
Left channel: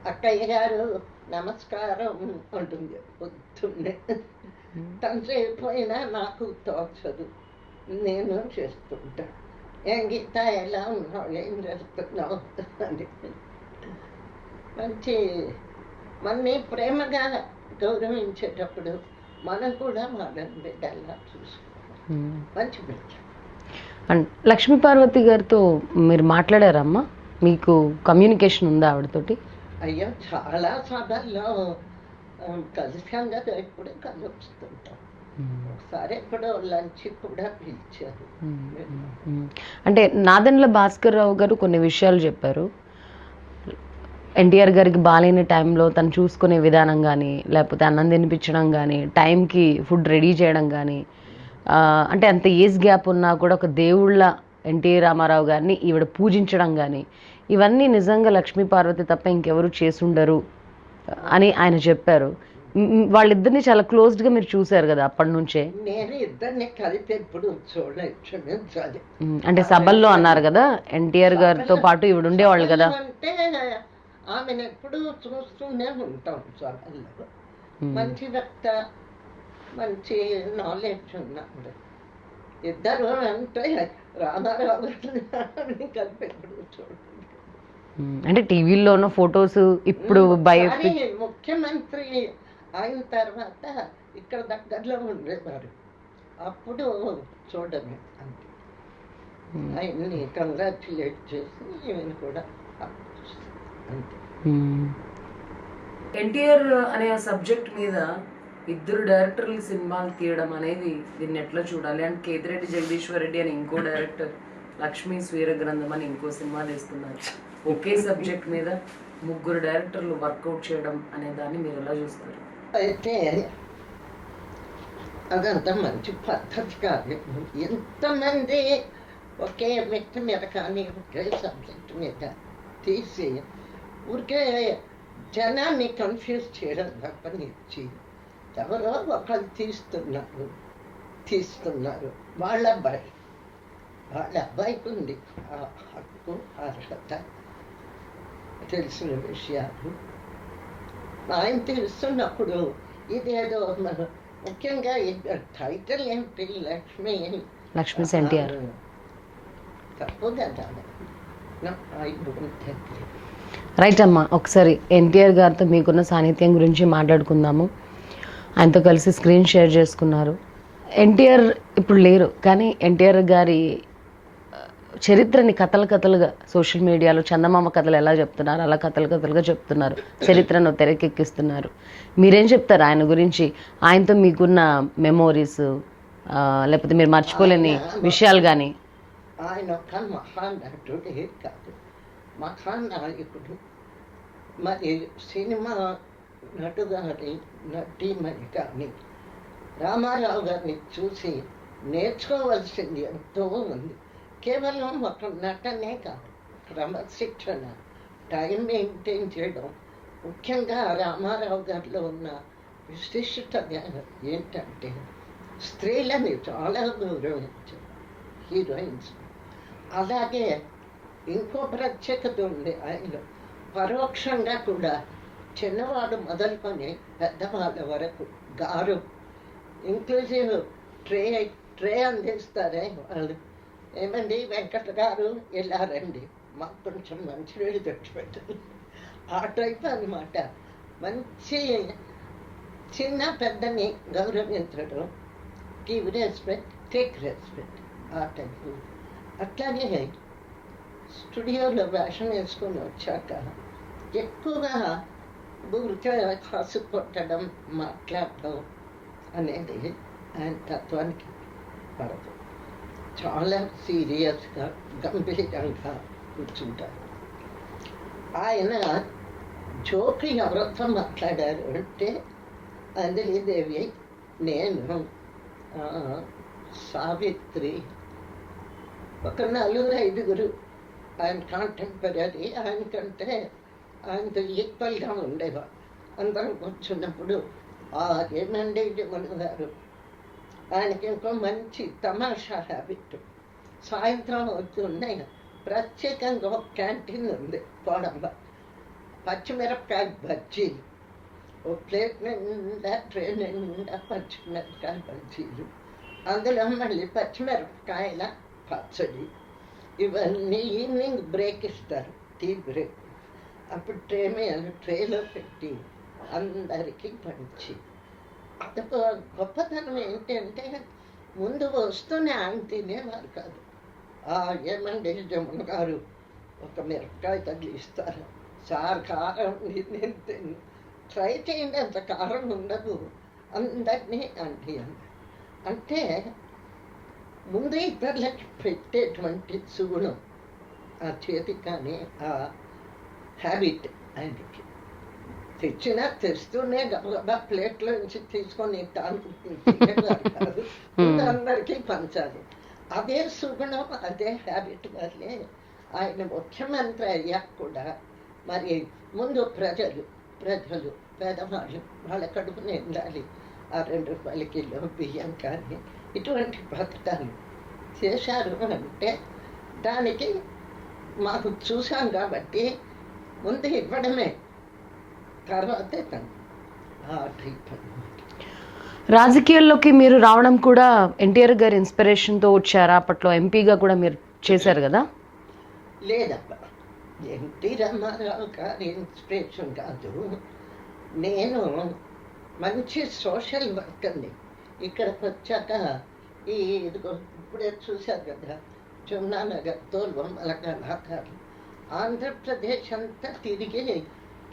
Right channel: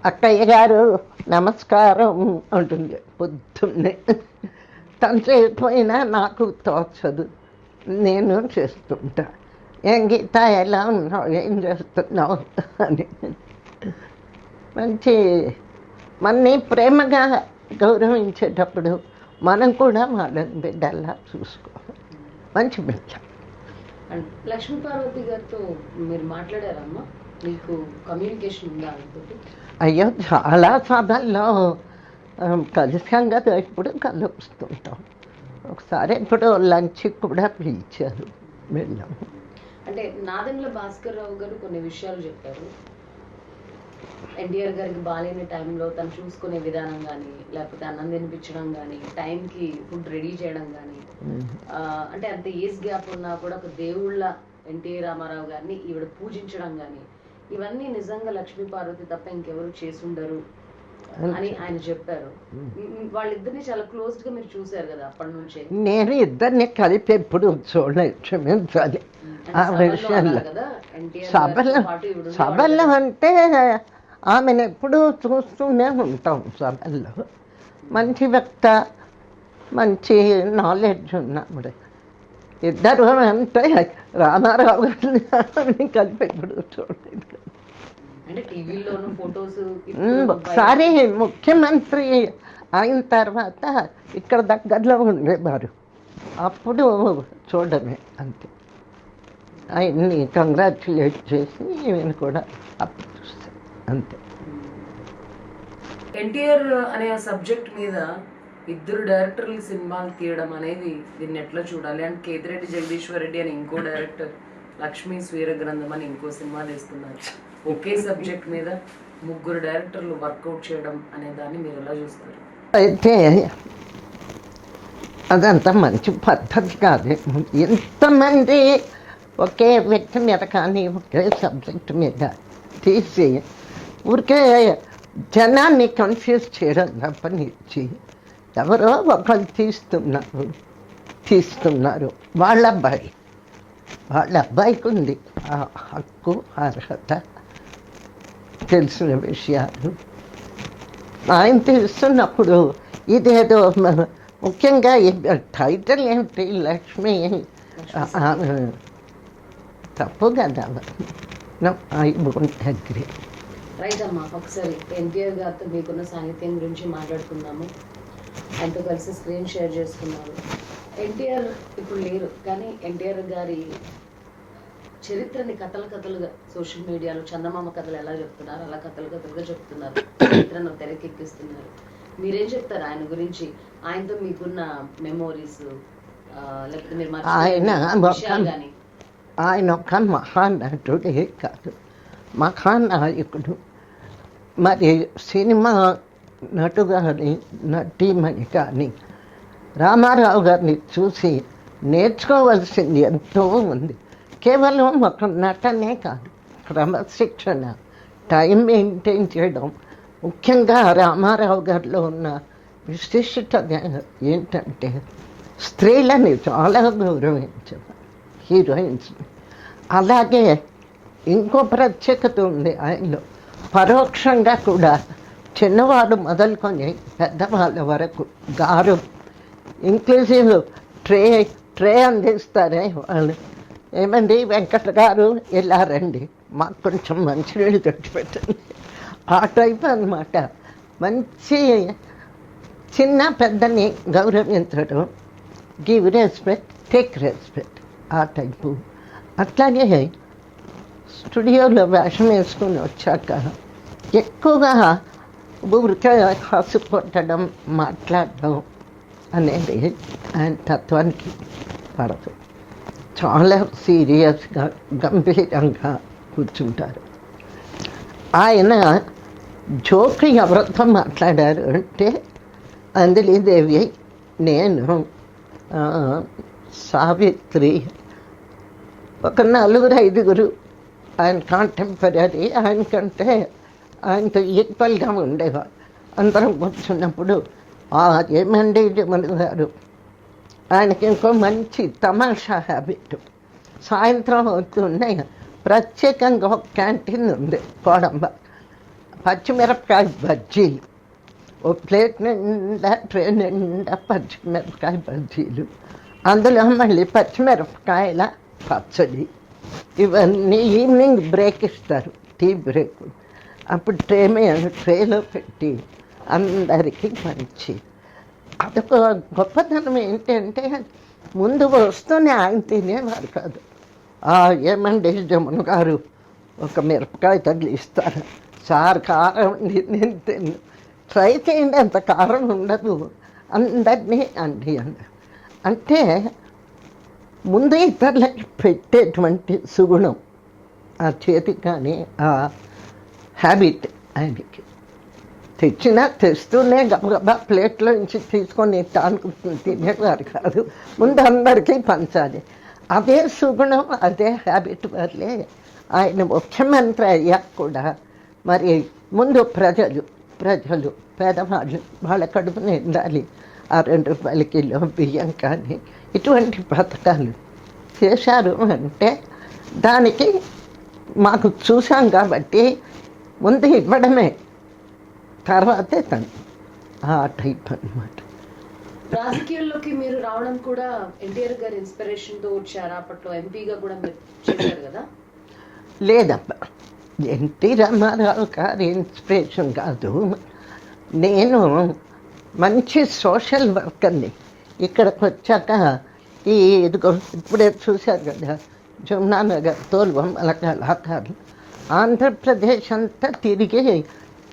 అక్కయ్య గారు నమస్కారం అంటుంది పొద్దున్నే. తను చేయకపోయినా నాకు తోచదు, నేను చేస్తుంటా. ఏం గీత ఎలా ఉన్నావు, ఏం చేస్తున్నావు అని. మంచి మనని ప్రేమగా గౌరవించేటప్పుడు మనం కూడా వాళ్ళని బిడ్డలా చూసుకోవాలి. మంచి బిడ్డ. అండ్ లక్ష్మీ పార్వతి గారితో మీరు మాట్లాడారమ్మా? మీకు కమ్యూనికేషన్ ఉందా ఆవిడతోటి? అయ్యో చాలా సభల్లో కలిసాం కదా, ఇప్పుడు కలుస్తుంటాం. ఒకసారి ఇప్పుడు లంచ్ కూడా పిలిచారు, వెళ్ళాం. అంటే నాదెండ్ల భాస్కర్ రావు గారు కొన్ని విషయాలు చెప్పారు. ఎన్టీఆర్ గారికి బాగాలేని టైంలో తను చూసుకునే విధానం కానీ, లేకపోతే అన్నం తినిపించడం కానీ, టైంకి ఫుడ్ రెడీ చేయడం కానీ, అంటే అంత ఏజ్ గ్యాప్ ఉన్నా కూడా ఒక దేవుళ్ళ ఎన్టీ రామారావు గారిని ఈవిడ పూజించడం కానీ ఇవన్నీ నిజంగా లక్ష్మీ పార్వతి తప్ప ఇంకెవరు చేసుండరు అని ఆయన చెప్పారు. వాళ్ళిద్దరిని చాలా క్లోజ్డ్గా మీరు చూశారు కదా అప్పటి నుంచే. నేను ఇద్దరిని కలిపి ఎప్పుడు చూడలేదు, క్షమించాలి. అంటే సభల్లో అన్నారు కదా ఎన్టీఆర్ గారితో పాటు ఈవిడ ఉండేవాళ్ళు కదా. అంటే ఆమెను ఎప్పుడూ చూస్తూనే ఉంటాం సభల్లో. మంచి వక్త, మంచి నాలెడ్జ్ ఉన్నప్పుడు. ఇద్దరు అంటే రామారావు గారిని కలిపి ఎప్పుడు చూడలేదు. అంటే టీవీలో ఉన్న ఫొటోస్ ఇప్పుడు ఒకసారి ముఖ్యమంత్రి అయిన తర్వాత ఇక్కడ దగ్గరలో ఉండేవారు, అప్పుడు చూడమే అంతే. ఆయన్ని కంగ్రాచులేట్ చేసి నేను కూడా అప్పుడు చూస్తాను అంతే. ఎన్టీఆర్ అనే సబ్జెక్ట్ మీద ఇద్దరు డైరెక్టర్లు సినిమాలు తీయడం అనేది దీన్ని ఎట్లా చూడాలి? అండ్ కేతిరెడ్డి జగదీశ్వర్ రెడ్డి అని ఇంకో డైరెక్టర్, లక్ష్మీ స్వీర గ్రంథం అని ఇంకో సినిమా తీస్తున్నారు. ఒకే సబ్జెక్ట్ మీద ముగ్గురు డైరెక్టర్లు వర్కౌట్ చేయడం అనే దాన్ని మీరు ఎలా చూస్తారు? అయితే అదంతా మంచి పద్ధతి కాదు. ఎంతమంది ఒకే వ్యక్తి మీద కానీ ఒకే సబ్జెక్ట్ మీద తీసి ఊరికే జనాన్ని కన్ఫ్యూజ్ చేయడం తప్పనిచ్చి ఎవరో ఒకరు తీస్తున్నారు. వాళ్ళ అబ్బాయికి ఉంది ఆ హక్కు, అర్హత, తెలిసిన విషయాలు. ఆయన తీస్తున్నప్పుడు ఇదేదో ముఖ్యంగా టైటిల్ ఏమిటి, లక్ష్మి తప్పు కదా. I won't agree. రైట్ అమ్మా, ఒకసారి ఎన్టీఆర్ గారితో మీకున్న సాన్నిధ్యం గురించి మాట్లాడుకుందాము. ఆయనతో కలిసి స్క్రీన్ షేర్ చేసుకున్నారు. ఎన్టీఆర్ ఇప్పుడు లేరు, కానీ ఎన్టీఆర్ గారి చరిత్రని కథలుగా సోషల్ మీడియాలో చందమామ కథలు ఎలా చెప్తున్నారు అలా కథలుగా చెప్తున్నారు, చరిత్రను తెరకెక్కిస్తున్నారు. మీరేం చెప్తారు ఆయన గురించి? ఆయనతో మీకున్న మెమోరీస్ లేకపోతే మీరు మర్చిపోలేని విషయాలు కానీ? ఆయన ఒక మహానటుడే కాదు, మహానాయకుడు. మరి సినిమా నటు కానీ నటీమణి కానీ రామారావు గారిని చూసి నేర్చుకోవాల్సింది ఎంతో ఉంది. కేవలం ఒక నటనే కాదు, క్రమశిక్షణ, టైం మెయింటైన్ చేయడం. ముఖ్యంగా రామారావు గారిలో ఉన్న విశిష్టత ఏంటంటే స్త్రీలని చాలా గౌరవించేవారు, హీరోయిన్స్. అలాగే ఇంకో ప్రత్యేకత ఉంది ఆయనలో, పరోక్షంగా కూడా చిన్నవాడు మొదలుకొని పెద్దవాళ్ళ వరకు గారు ఇంక్లూజివ్ ట్రే అందిస్తారే వాళ్ళు. ఏమండి వెంకట గారు ఇలా రండి, మాకు కొంచెం మంచినీళ్ళు కట్టి పెట్టండి, ఆ టైప్ అనమాట. మంచి చిన్న పెద్దని గౌరవించడం, గివ్ రెస్పెక్ట్, టేక్ రెస్పెక్ట్, ఆ టైపు. అట్లాగే స్టూడియోలో వేషం వేసుకొని వచ్చాక ఎక్కువగా ఊరికే హసు కొట్టడం, మాట్లాడడం అనేది ఆయన తత్వానికి పడదు. చాలా సీరియస్గా గంభీరంగా కూర్చుంటారు. ఆయన జోక్ ఎవరితో మాట్లాడారు అంటే అంజలీదేవి, నేను, సావిత్రి, ఒక 4-5 ఆయన కాంటెంపరీ. ఆయనకంటే ఆయనతో ఈక్వల్గా ఉండేవారు. అందరం కూర్చున్నప్పుడు ఏమండి జమన్ గారు, ఆయనకి ఇంకో మంచి తమాషా హ్యాబిట్. సాయంత్రం అవుతున్నాయి, ప్రత్యేకంగా ఒక క్యాంటీన్ ఉంది కోడంబ, పచ్చిమిరపకాయ బజ్జీలు, ఓ ప్లేట్ నిండా ట్రే నిండా పచ్చిమిరపకాయ బజ్జీలు, అందులో మళ్ళీ పచ్చిమిరపకాయల పచ్చడి. ఇవన్నీ ఈవినింగ్ బ్రేక్ ఇస్తారు, టీ బ్రేక్. అప్పుడు ట్రేలో పెట్టి అందరికీ పంచి. అదొక గొప్పతనం ఏంటంటే ముందు వస్తూనే ఆయన తినేవారు కాదు. ఏమండి జమన్ గారు ఒక మిరపకాయ తగిలిస్తారు, సార్ కారం ఉంది, నేను తిన్ను, ట్రై చేయండి, అంత కారం ఉండదు, అందరినీ అండి అంటే ముందు ఇతరులకి పెట్టేటువంటి సుగుణం, ఆ చేతి కానీ ఆ హ్యాబిట్ ఆయనకి. తెస్తూనే గబగబా ప్లేట్లో నుంచి తీసుకొని తినేవారు కాదు, ముందు అందరికీ పంచాలి. అదే సుగుణం, అదే హ్యాబిట్ వల్లే ఆయన ముఖ్యమంత్రి అయ్యాక కూడా మరి ముందు ప్రజలు పేదవాళ్ళు వాళ్ళ కడుపు నిండాలి, ఆ 2 రూపాయల కిలో బియ్యం కానీ ఇటువంటి పథకాలు చేశారు అంటే దానికి మాకు చూసాం కాబట్టి ముందు ఇవ్వడమే, తర్వాతే తను ఆ టైప్ అనమాట. రాజకీయాల్లోకి మీరు రావడం కూడా ఎన్టీఆర్ గారి ఇన్స్పిరేషన్తో వచ్చారా? అప్పట్లో ఎంపీగా కూడా మీరు చేశారు కదా? లేదబ్బా, ఎన్టీ రామారావు గారి ఇన్స్పిరేషన్ కాదు. నేను మంచి సోషల్ వర్క్ అండి. ఇక్కడికి వచ్చాక ఇదిగో ఇప్పుడే చూశారు కదా జమునానగర్ తోలుబొమ్మల కళాకారులు, ఆంధ్రప్రదేశ్ అంతా తిరిగి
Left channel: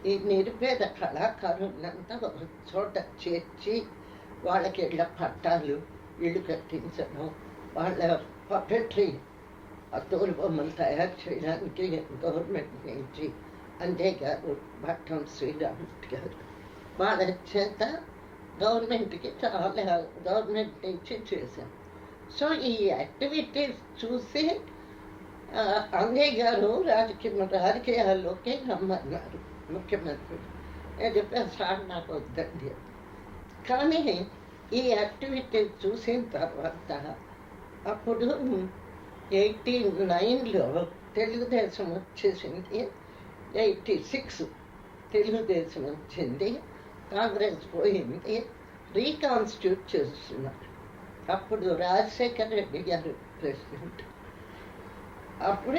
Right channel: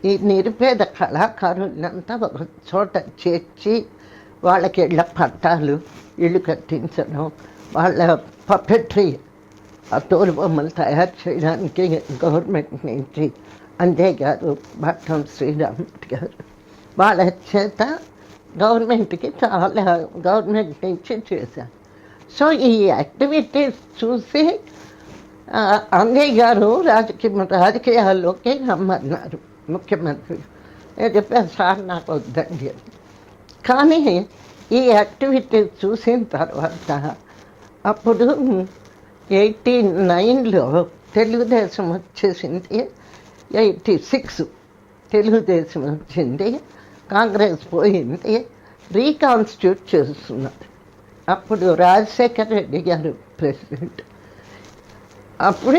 ఈ నిరుపేద కళాకారులంతా ఒక చోట చేర్చి వాళ్ళకి ఇళ్ళ పట్టాలు, ఇళ్ళు కట్టించడం, వాళ్ళ పపెట్రీ ఆ తోలుబొమ్మలు తయారు చేయడానికి గవర్నమెంట్ నుంచి అంజయ్ గారు, భట్టం శ్రీరాముడు గారు వాళ్ళ చేత గవర్నమెంట్కి చాలా గవర్నమెంట్ నుంచి చేశారు. సో ఈ యాక్టివిటీస్ చూసి అంజయ్ గారు రాజకీయాల్లోకి రమ్మన్నారు ముఖ్యమంత్రి. నేను చెప్పాను, సార్ నాకు వద్దండి. కానీ ఈ యాక్టివిటీస్ చూసిన తర్వాత అప్పుడు 89లో తెలుగుదేశం వచ్చేసింది, 86 తెలుగుదేశం వచ్చింది, కాంగ్రెస్ పోయింది, రీకాన్స్టిట్యూట్ చేస్తున్నారు. అప్పుడు రాజశేఖర్ రెడ్డి గారు ప్రెసిడెంట్. అప్పుడు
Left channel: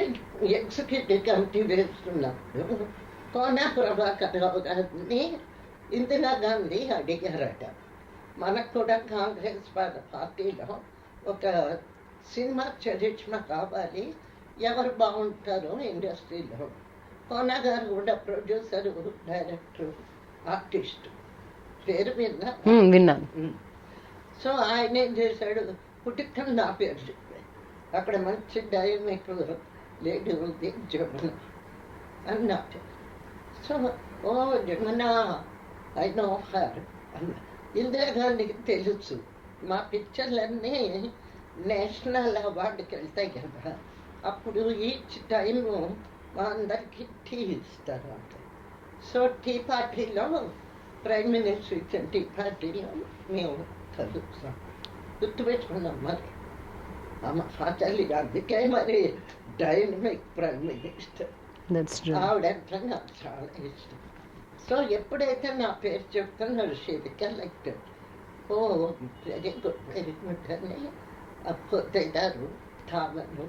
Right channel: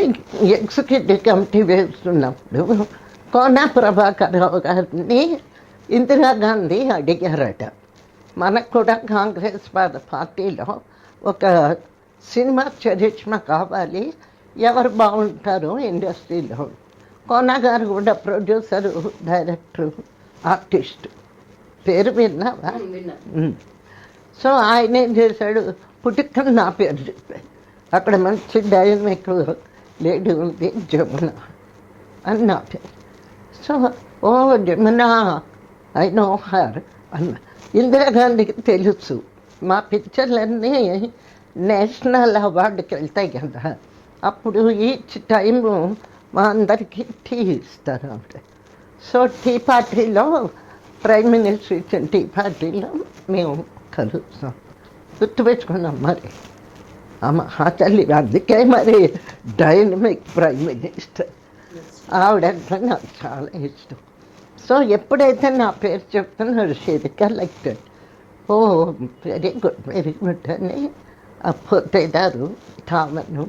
ఎగ్జిక్యూటివ్ కమిటీ వేస్తున్నప్పుడు కోన ప్రభాకర్ రావు గారిని ఇందిరాగాంధీ అడిగారట, మనకు కూడా కాంగ్రెస్ పార్టీలో ఒక సినిమా చరిష్మా కావాలి, ఎవరు బాగుంటారు ఇండస్ట్రీలో. కోన గారు కూడా ప్రొడ్యూసరు, డైరెక్టరు, ఆర్టిస్ట్, పేరు విన్నాను. సో ఆయన ఏం చేశాడు, పుట్టుకని నా పేరు చెప్పాడు. అక్కడ మంచి డైనమిక్ లేడీ ఉంది జమున అని నా పేరు. So oh Jamuna I know her అన్న. ఇందిరాగాంధీకి తెలుసు మా పిక్చర్లన్నీ నేషనల్ అవార్డుకి వెళ్తాయి కదా, అప్పుడు ఈచ్ టైము మా అందరికీ టీ ఇస్తారు అంటే. సో టీ పార్టీలో ప్రైమ్ మినిస్టర్ ఇచ్చిన టీ పార్టీలో మేము కలుస్తాం. గుర్తుపెట్టుకున్నాం మరి ఆ తల్లి, అందుకే మరి డైనమిక్ ప్రైమ్ మినిస్టర్ ఆవిడంటే నాకు చాలా ఇష్టం. సో ఎప్పుడైతే నా పేరు చెప్తున్నారు she collected, oh very good అని ఆ పొత్తేదారు తామను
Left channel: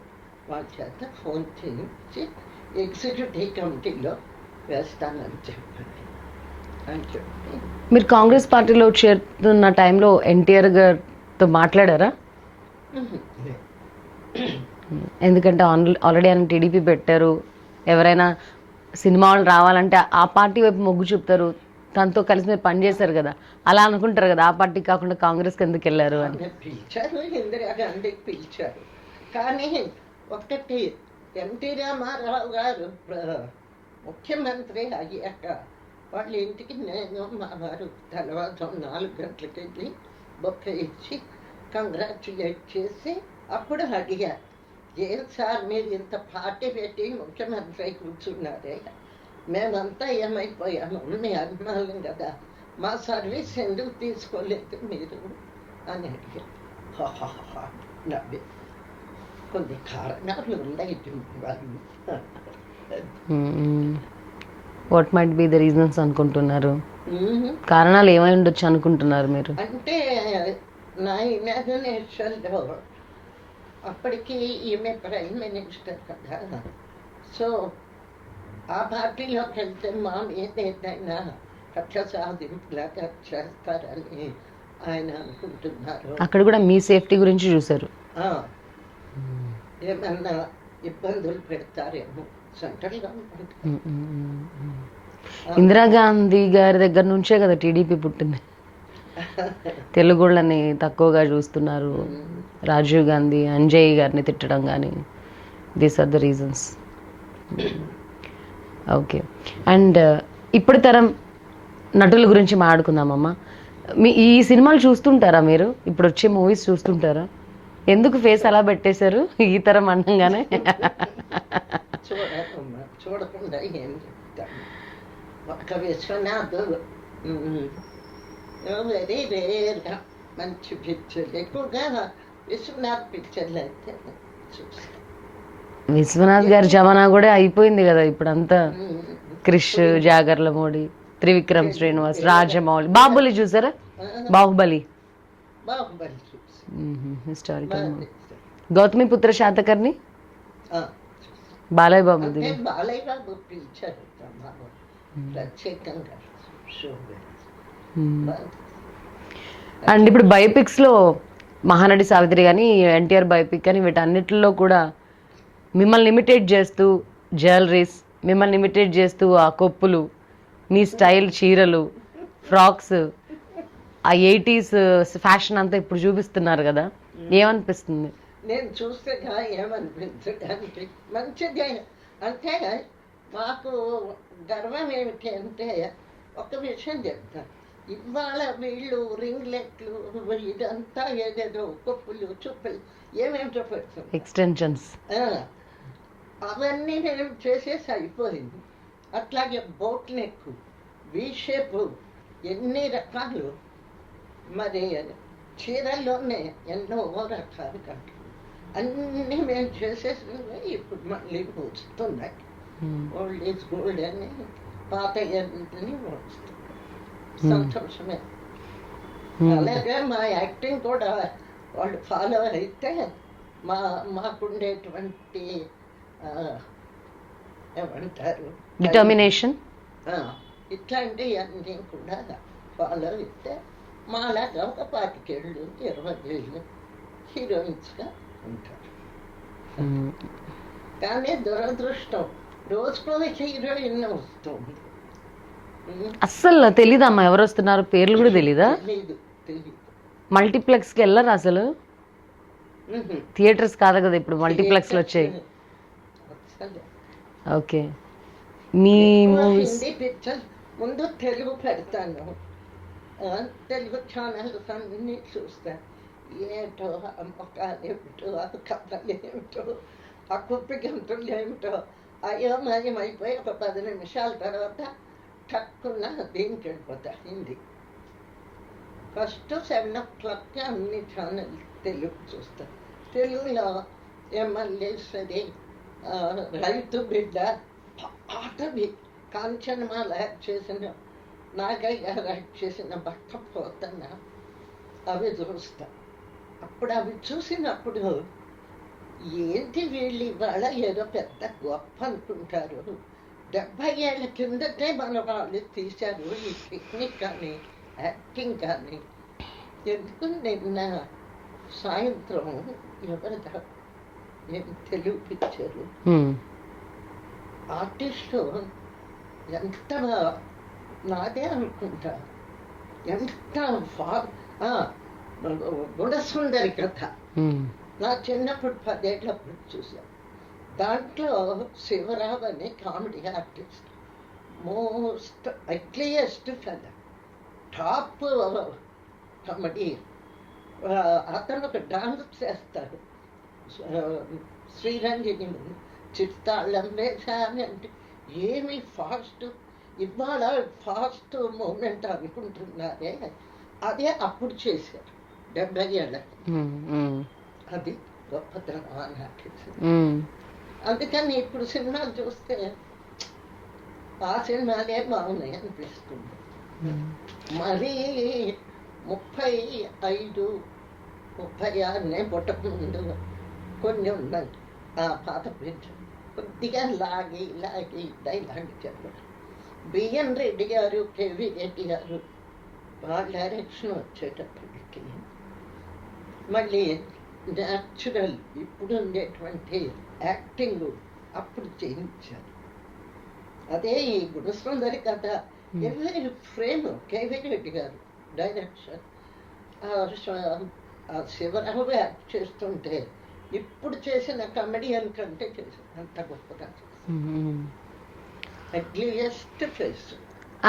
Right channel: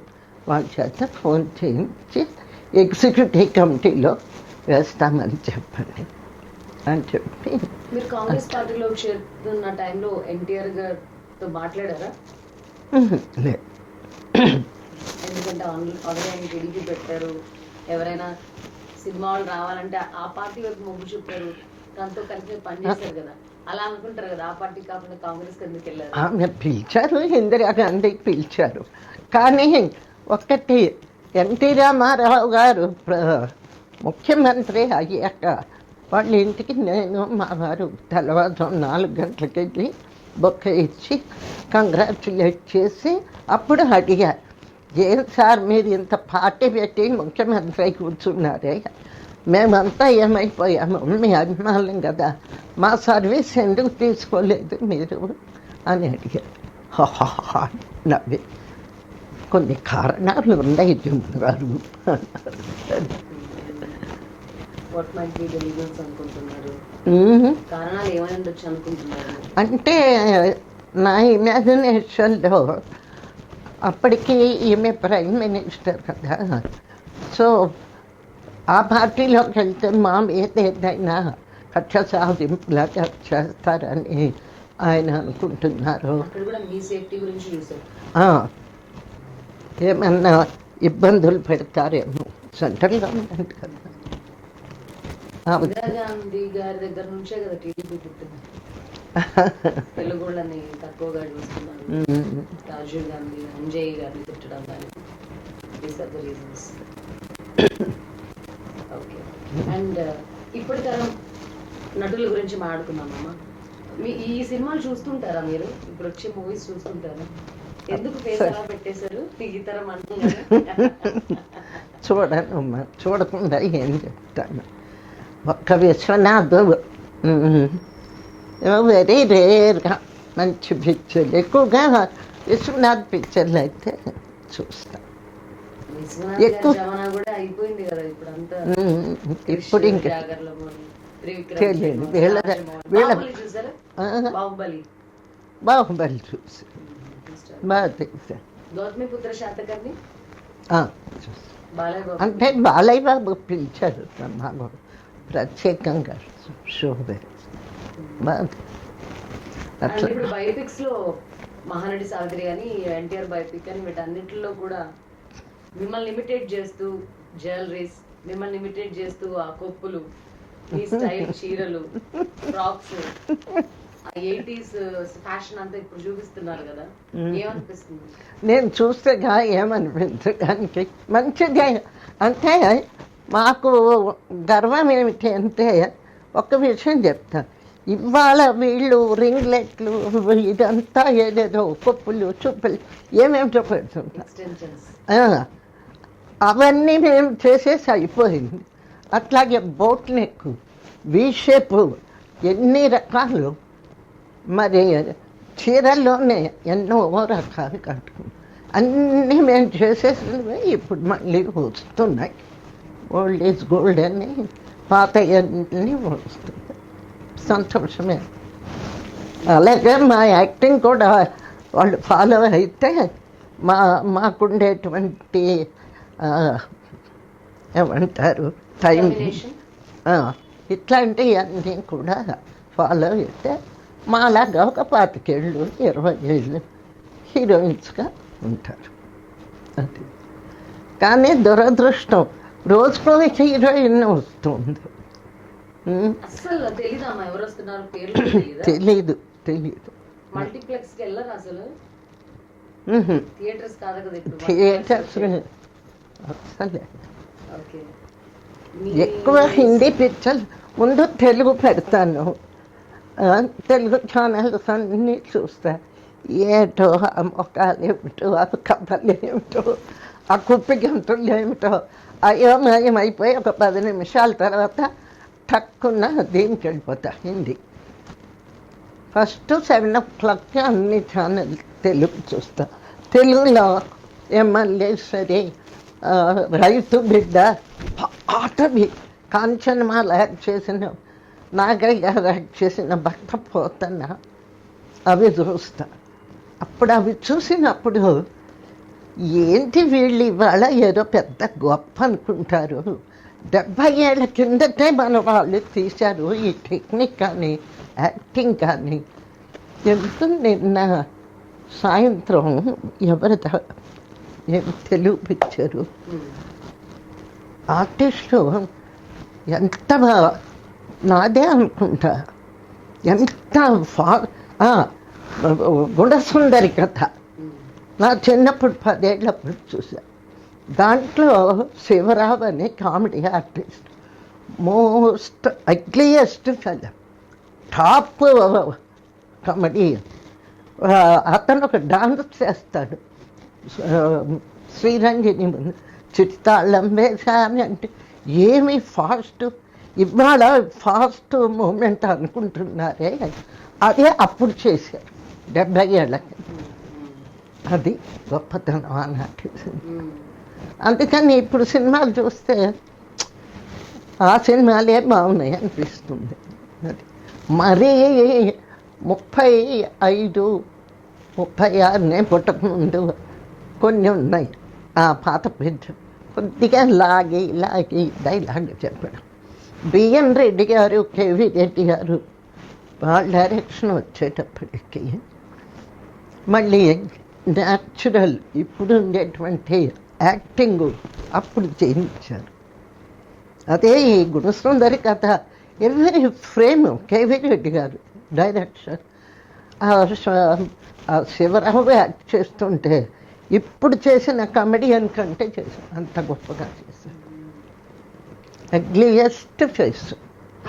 వాళ్ళ చేత ఫోన్ చేయించి ఎగ్జిక్యూటివ్ కమిటీలో వేస్తామని చెప్పండి అని చెప్పి. మీరు కాంగ్రెస్ పార్టీలో చేరుతున్న టైంలో ఎన్టీఆర్ గారితో మాట్లాడారా? లేదు. ఎందుకంటే ఆల్రెడీ ఆయన టీడీపీ పెట్టారు, ఎవరైనా సినిమాలు రావాలంటే ఆ పార్టీ వైపు మొగ్గు చూపుతారు, తనతో కలిసి మీరు పనిచేశారు కదా, అలా అనుకుంటారు కదా, ఆ పార్టీ కాకుండా కాంగ్రెస్కి ఎందుకు వెళ్ళారు? పిలిచారు, ఇందిరాగాంధీకి పిలిచారు. కానీ ఒక్కటి, ఎన్టీ రామారావు గారు ముఖ్యమంత్రి అయ్యాక వాళ్ళ ఇంటికి నేను మా వారు తెల్లవారుజాము 4 గంటలకి వెళ్ళి బొక్క ఇచ్చి కంగ్రాచులేట్ చేసి అప్పుడు అడిగారు, ఏం సార్ మీరు ఇంత పార్టీ పెట్టి ముఖ్యమంత్రి అయి కూర్చున్నారే, మేమంతా ఏమైపోయాము, మీ అభిమానులం కదా, మా సర్వీస్ ఎందుకు తీసుకోలేదు మీరు అని అడిగారు. నవ్వి, కొన్ని కారణాలు ఉన్నాయి గారు. What might be the reasons అనుకుంటున్నారు? కారణాలు ఏమై ఉండొచ్చు అనుకుంటున్నారు మీరు? అంటే నా ఇమాజినేషన్లో అప్పటికి ఈమె ప్రైమ్ మినిస్టర్ కదా, సో ఆ పార్టీలోకి వెళ్తే మా మీద ఏదైనా కక్ష సాధింపులాగా చేస్తారని ఆయన అనుకుంటున్నారు. అక్కడ కూడా మీ సేఫ్టీ గురించి చూశారు, ఏమన్నా ఇబ్బందులు పెడతారేమో సెంట్రల్ గవర్నమెంట్. ఇందిరాగాంధీ గారి దగ్గర నుంచే కదా టీడీపీ పుట్టింది. తెలుగుళ్ళని తక్కువగా చూస్తున్నారు, రాజీవ్ గాంధీ అంజయ్ గారిని తిట్టడం కానీ, these are the reasons. Okay, and ఇప్పుడు తరం నటుల గురించి మాట్లాడుకుందామమ్మా. ఈ సినిమాలు చూస్తుంటారా మీరు? ఇప్పుడు వచ్చే మూవీస్ చూస్తుంటారా? ఎందుకు ఫేస్ అలా పెట్టేశారు ఈ తరం అనగానే? చూడనమ్మా, చూడకుండా ఏం చెప్తాను. ఒక్క విశ్వనాథ్ వెరీ రేర్గా మంచి పిక్చర్లు, ఎక్కువగా విశ్వనాథ్ పిక్చర్లు అయితే చూస్తాను. విశ్వనాథ్ గారి జమానా కూడా అయిపోయింది కదా ఇప్పుడు అంతా. క్రిష్, జాగర్లమూడి, త్రివిక్రమ్ శ్రీనివాస్, రాజమౌళి. బాహుబలి చూసారా? బాహుబలి బాహుబలి చూసి బాగా తెలుసా. గౌతమి పుత్ర శాతకర్ణి చూసి. బాలయ్య బాబు. అంటే బాలయ్య బాబు పిలిచారు మాకు ప్రత్యేకంగా షో. అండ్ ఇప్పుడు బయోపిక్స్ లో మహానటి సావిత్రి కానీ, ఎన్టీఆర్ బయోపిక్ కానీ, వీటన్నిటిలో కూడా మిమ్మల్ని ఇమిటేట్ చేస్తూ జ్యువెలరీస్, మిమ్మల్ని ఇమిటేట్ చేస్తూ ఆ కొప్పులు, మీ స్టైల్ చీరలు, ఫ్రాక్స్, ఆ 80s ఫ్యాషన్ అంతా ఇప్పుడు చూపిస్తున్నారు కదా, ఏమనిపిస్తుంది? నేను చూస్తే ఏమనిపించడానికి మంచిదే. అంటే మాకు గర్వం ఏమిటి అంటే, ఒక విషయం చెప్తాను. ఇవాళ వీళ్ళు రింగ్లెట్లు ఇదంతా ఏదేదో కొప్పులు చూపులు ఏమేమిటో పెడుతుంది, ఎక్స్టెన్షన్స్, అవన్నీ మేము చేసేసి అయిపోయింది. అట్లాగే బోట్ నెక్, వీ షేప్, ఎన్ని రకాలు. మరి చీరల్లోనే ఎన్నో రకాలు కట్టుకున్నాం. అన్నీ మేము చేసేసినవి ఇప్పుడు మళ్ళీ వస్తున్నాయి. ఓల్డ్ ఈజ్ గోల్డ్ అని పాత అన్నీ వస్తుంది. సంతోషమే. అలాగే మా యాక్టింగ్ కూడా వాళ్ళు ఫాలో అయితే మాకుండేటువంటి ఏమంటారు డిటర్మినేషన్, ఇట్లాంటివన్నీ కూడా ఫాలో అయితే మాలాగా ఒక 25 ఏళ్ళు 20 ఏళ్ళు హీరోయిన్స్గా ఉంటారు. కానీ దురదృష్టం రోజుకో హీరోయిన్ వస్తుంది. అస్సలు తెలీదమ్మా ఎవరు వస్తున్నారు, పేర్లు కూడా తెలీదా? తెలీదు. మల్టీప్లెక్స్ కి వెళ్ళరు అసలు? థియేటర్స్ కాదు కదా ఇప్పుడు మల్టీప్లెక్స్ వచ్చాయి. ఓకే. మీ హిందీ పిక్చర్ ముందు తెలుగు పెడతాను, తెలుగు ఛానల్స్ అన్నీ చూస్తా. ఏటో ఆ మొక్కలు ఏమిటో, ఆ కథలు ఏమిటో, ఆ కుప్పి గంతులు ఏమిటో అయోమయమైపోయి ఒక 10 నిమిషాల తర్వాత టక్కున్న దీనికి వెళ్ళిపోతా హిందీ. ఫస్ట్ 7 o'clock అన్ని ఛానల్ తెలుగు చూస్తా. తెలుగులో ఎమ్మెల్యేశ్వరి, రైతు బిడ్డ, పాతవి కాంచనమాల యాక్ట్ చేసిన, నాగయ్య గారు యాక్ట్ చేసిన భక్త పోతన, అవి చూస్తా. అప్పుడు అవి చూసినప్పుడు ఏంటి వీళ్ళు ఇవాళ ఏదో పెద్ద గొప్ప అనుకుంటారు, 70 ఏళ్ళ కిందటే మన వాళ్ళు తీశారు ఈ టెక్నిక్ కానీ యాక్టింగ్ కానీ. ఎంతో నిన్న సాయంత్రం ఎవరిదా ఏం తెలుగు పిక్చరు ఆర్టిస్టు ఎంత నాదే అనుకుంటా, ఎంత గుణసుందరి కథ. నా చిన్నప్పుడు 10 ఏళ్ళప్పుడు చూసా. దాంట్లో శివరావు అనే comedy artist, most ugliest fellow, top comedy. అతను ఒక డాన్స్ చేస్తాడు, శ్రీరంగిణి చిత్తాళ్ళం వేసామి అంటే ఏమి ఫాస్ట్. ఇవాళ ఫాస్ట్ మూమెంట్ అనుకుంటున్నారే, అదే అప్పుడు చేశారు 70 ఏళ్ళకి. అది గొప్పతనం అన్నట్టు. అందుకని ఇప్పుడు సినిమాలు చూస్తే ఆ సినిమాలే బాగున్నాయి అనిపిస్తుంది. మరీ 35, 36 పుట్టకముందు కొన్ని ఉన్నాయి ఆ పాత పిక్చర్, కొద్దిగా లాగి డైలాగ్ చెప్పడం. బిఎన్ రెడ్డి గారు, కేవి రెడ్డి గారు వాళ్ళ డైరెక్షన్ వచ్చేటప్పటికి మళ్ళీ న్యాచురల్ ఇప్పుడు ఉండేటువంటి యాక్టింగ్ అప్పుడు చేయించారు. అదే ఈ గుణసుందరి కథ ఎవరి ఫ్రేమ్ కేవీ రెడ్డి గారు డైరెక్షన్, శివరావు యాక్ట్ చేస్తుంటే ఇప్పుడు చేసిన కమెడియన్ కంటే చేసిన అంత గొప్పగా చేసింది. Ugliest face.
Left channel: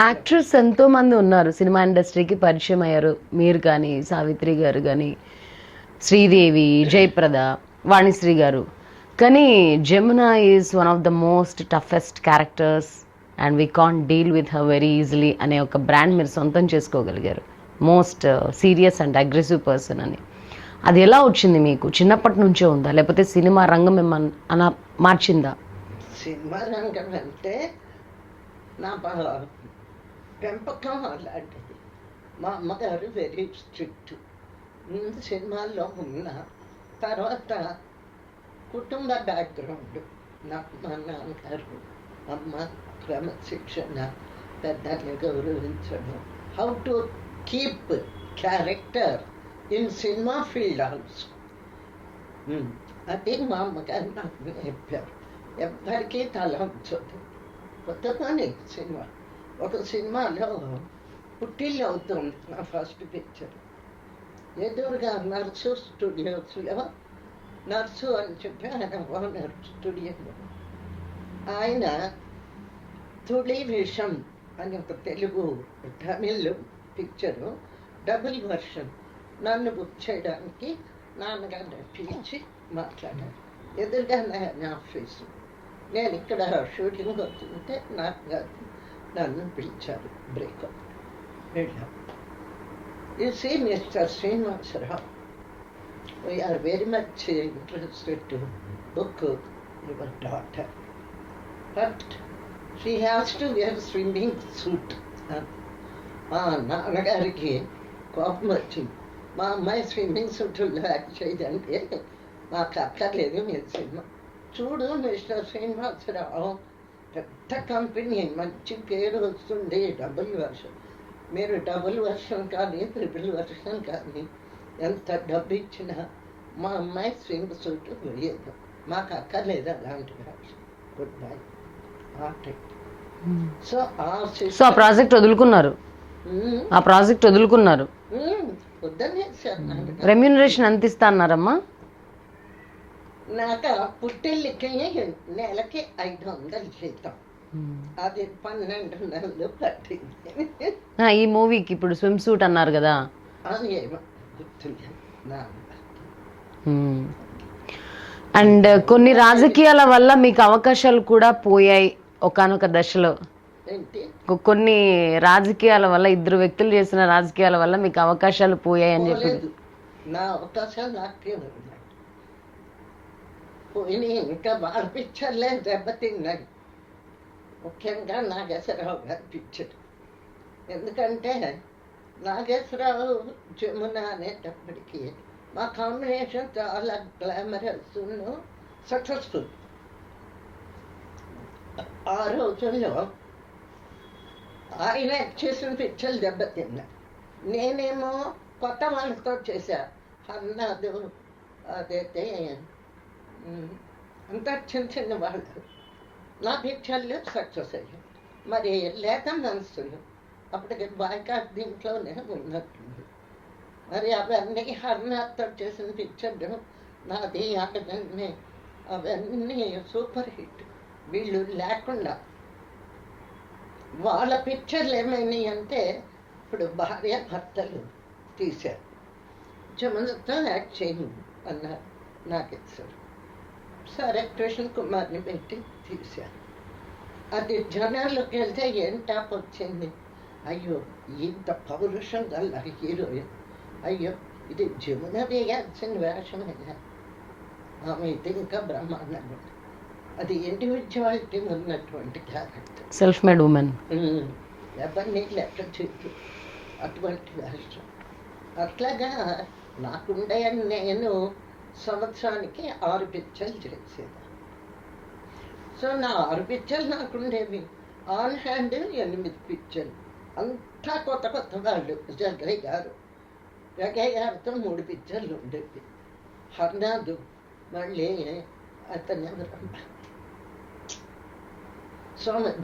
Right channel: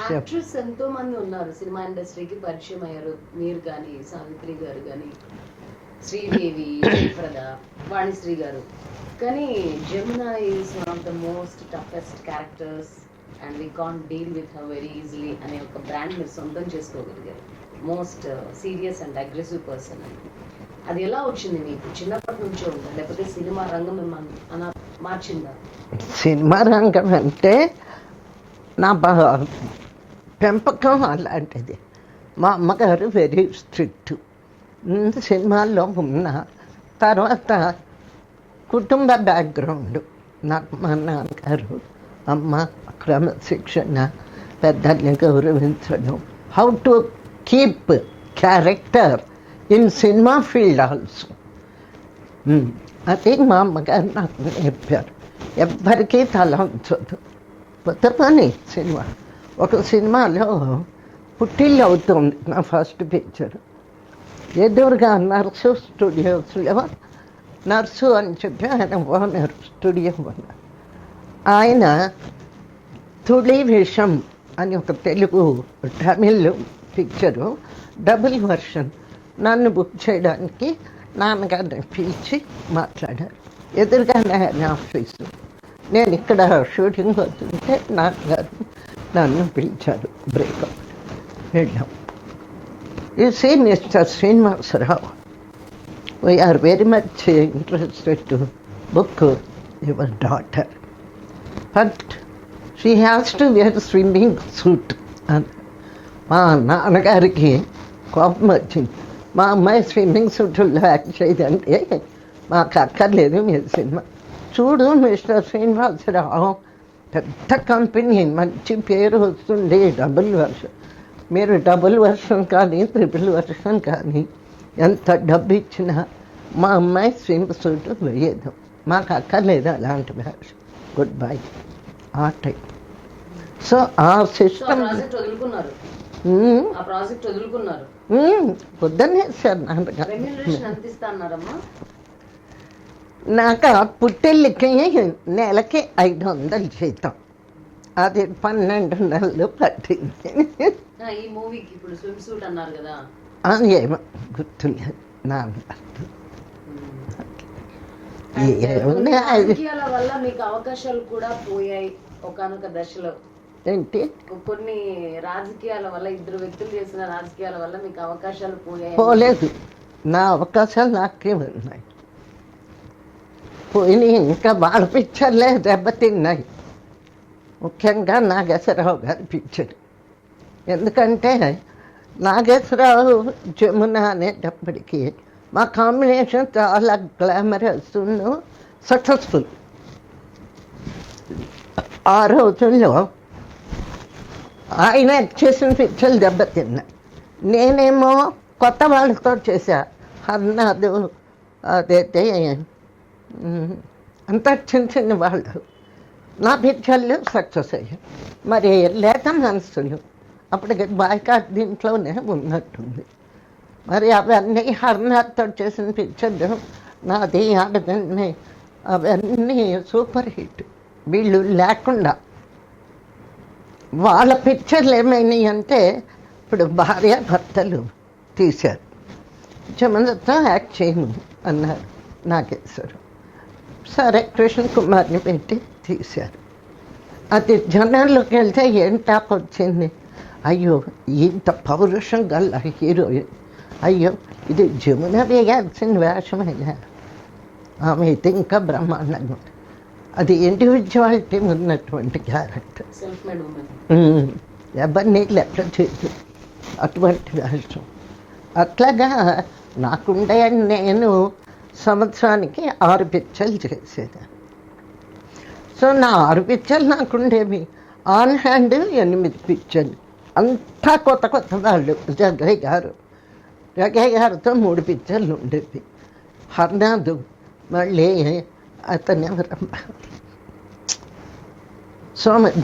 యాక్టర్స్ ఎంతో మంది ఉన్నారు సినిమా ఇండస్ట్రీకి పరిచయం అయ్యారు, మీరు కానీ సావిత్రి గారు కానీ. శ్రీదేవి, జయప్రద, వాణిశ్రీ గారు. కానీ Jamuna is one of the most toughest characters and we can't deal with her very easily అనే ఒక బ్రాండ్ మీరు సొంతం చేసుకోగలిగారు. Most serious and aggressive person అని. అది ఎలా వచ్చింది మీకు? చిన్నప్పటి నుంచే ఉందా, లేకపోతే సినిమా రంగం మిమ్మల్ని అలా మార్చిందా? సినిమా రంగం అంటే నా పెంపకం అలాంటిది. మా అమ్మగారు వెరీ స్ట్రిక్ట్. సినిమాల్లో ఉన్న తర్వాత కుటుంబ బ్యాక్గ్రౌండ్, నాకు మా నాన్నగారు, అమ్మ క్రమశిక్షణ, పెద్దల్ని గౌరవించడం, how to keep character in cinema field also. అది మా అమ్మగారు నాకు నేర్పారు. ఎవ్వరికీ తల ఉంచదు. కొత్త పని సినిమా. ఒక సినిమాలో పుట్టిల్లు అవుతుంది నా ఫస్ట్ పిక్చర్. ఎదురుగా నర్సు స్టూడియోస్లో నర్సు అని చెప్పి ఆయన ఓనర్, స్టూడియో ఓనర్. ఆయన తుళి విషం అని ఒక Telugu Tamil picture double version నన్ను బుక్ చేయడానికి నాన్నగారిని పిలిచి మాట్లాడారు. ఎదురుగానే ఆయన ఆఫీసు. నేను ఇక్కడ షూటింగ్ అవుతుంటే నాన్నగారు నన్ను పిలిచారు. బ్రేకప్ వెళ్ళాం. You see mister Srinivasarao, we are very much interested to book your daughter, but she has to wear swimming suit అని. మా నాన్నగారికి కోపం వచ్చింది. మా అమ్మాయి స్విమ్మింగ్ సూట్లో యాక్ట్ చేయదంటే మాకు అక్కర్లేదు మీరు సినిమా. చూడు మిస్టర్ శ్రీనివాసరావు, పెద్ద కంపెనీ, మంచి పేరు వస్తుంది, డబుల్ వర్షన్. మీరు డబుల్ వర్షన్ కానీ ట్రిపుల్ వర్షన్ కానీ ఎంత డబ్బు ఇచ్చినా మా అమ్మాయి స్విమ్ సూట్ వేయదు, మాకు అక్కర్లేదు అలాంటి వేషం, గుడ్ బై ఆ టైం. సో ఆ ప్రాజెక్ట్ వదులుకున్నారు. ఆ ప్రాజెక్ట్ వదులుకున్నారు. పొద్దున్నే సార్ నాన్న రెమ్యూనరేషన్ ఎంత ఇస్తా అన్నారమ్మా? నాకు పుట్టిల్లికి నెలకి 500 జీతం. అది 12 నెలలు పట్టింది. ఈ మూవీకి ఇప్పుడు స్విమ్ సూట్ అన్నారు కదా, ఏమో గుర్తులేదు నాకు. అండ్ కొన్ని రాజకీయాల వల్ల మీకు అవకాశాలు కూడా పోయాయి ఒకానొక దశలో. ఏంటి? కొన్ని రాజకీయాల వల్ల, ఇద్దరు వ్యక్తులు చేసిన రాజకీయాల వల్ల మీకు అవకాశాలు పోయాయి? పోలేదు, నా అవకాశాలు నాకే ఉన్నాయి. పోయినాయి, ఇంకా వాళ్ళ పిక్చర్లే దెబ్బతిన్నాయి. ముఖ్యంగా నాగేశ్వరరావు గారి పిక్చర్. ఎందుకంటే నాగేశ్వరరావు జమున అనేటప్పటికీ మా కాంబినేషన్ చాలా గ్లామరస్, సక్సెస్ఫుల్. ఆ రోజుల్లో ఆయన చేసిన పిక్చర్లు దెబ్బతిన్నాయి. నేనేమో కొత్త వాళ్ళతో చేశా. హర్నాథ్, అదైతే అంతా చిన్న చిన్న వాళ్ళు. నా పిక్చర్లు సక్సెస్ అయ్యాయి. మరి లేత మనసులు అప్పటికి బాయ్కాట్ దీంట్లోనే ఉన్నట్టుంది. మరి అవన్నీ హర్నాథ్తో చేసిన పిక్చర్లు, నాది ఆడదాన్ని, అవన్నీ సూపర్ హిట్. వీళ్ళు లేకుండా వాళ్ళ పిక్చర్లు ఏమైనాయి అంటే, ఇప్పుడు భార్య భర్తలు తీశారు, జమనతో యాక్ట్ చేయను అన్నారు నాగేశ్వరు. సరే కృష్ణ కుమార్ని పెట్టి తీశారు. అది జనాల్లోకి వెళ్తే ఏం టాప్ వచ్చింది, అయ్యో ఇంత పౌరుషం గల హీరోయిన్, అయ్యో ఇది జమున వేయాల్సిన వేషమైనా, ఆమె అయితే ఇంకా బ్రహ్మాండంగా ఉంది. అది ఇండివిజువాలిటీ ఉన్నటువంటి క్యారెక్టర్, సెల్ఫ్ మేడ్ ఉమెన్, ఎవరిని లెక్క చేయదు అటువంటి వేషం. అట్లాగా నాకుండే నేను సంవత్సరానికి 6 పిక్చర్లు చేసేదాన్ని. సో నా 6 పిక్చర్లు నాకుండేవి. ఆన్ హ్యాండ్ 8 పిక్చర్లు, అంతా కొత్త కొత్త వాళ్ళు. జగయ్య గారితో 3 పిక్చర్లు ఉండేవి. హర్నాథ్, మళ్ళీ అతను ఎవరమ్మా,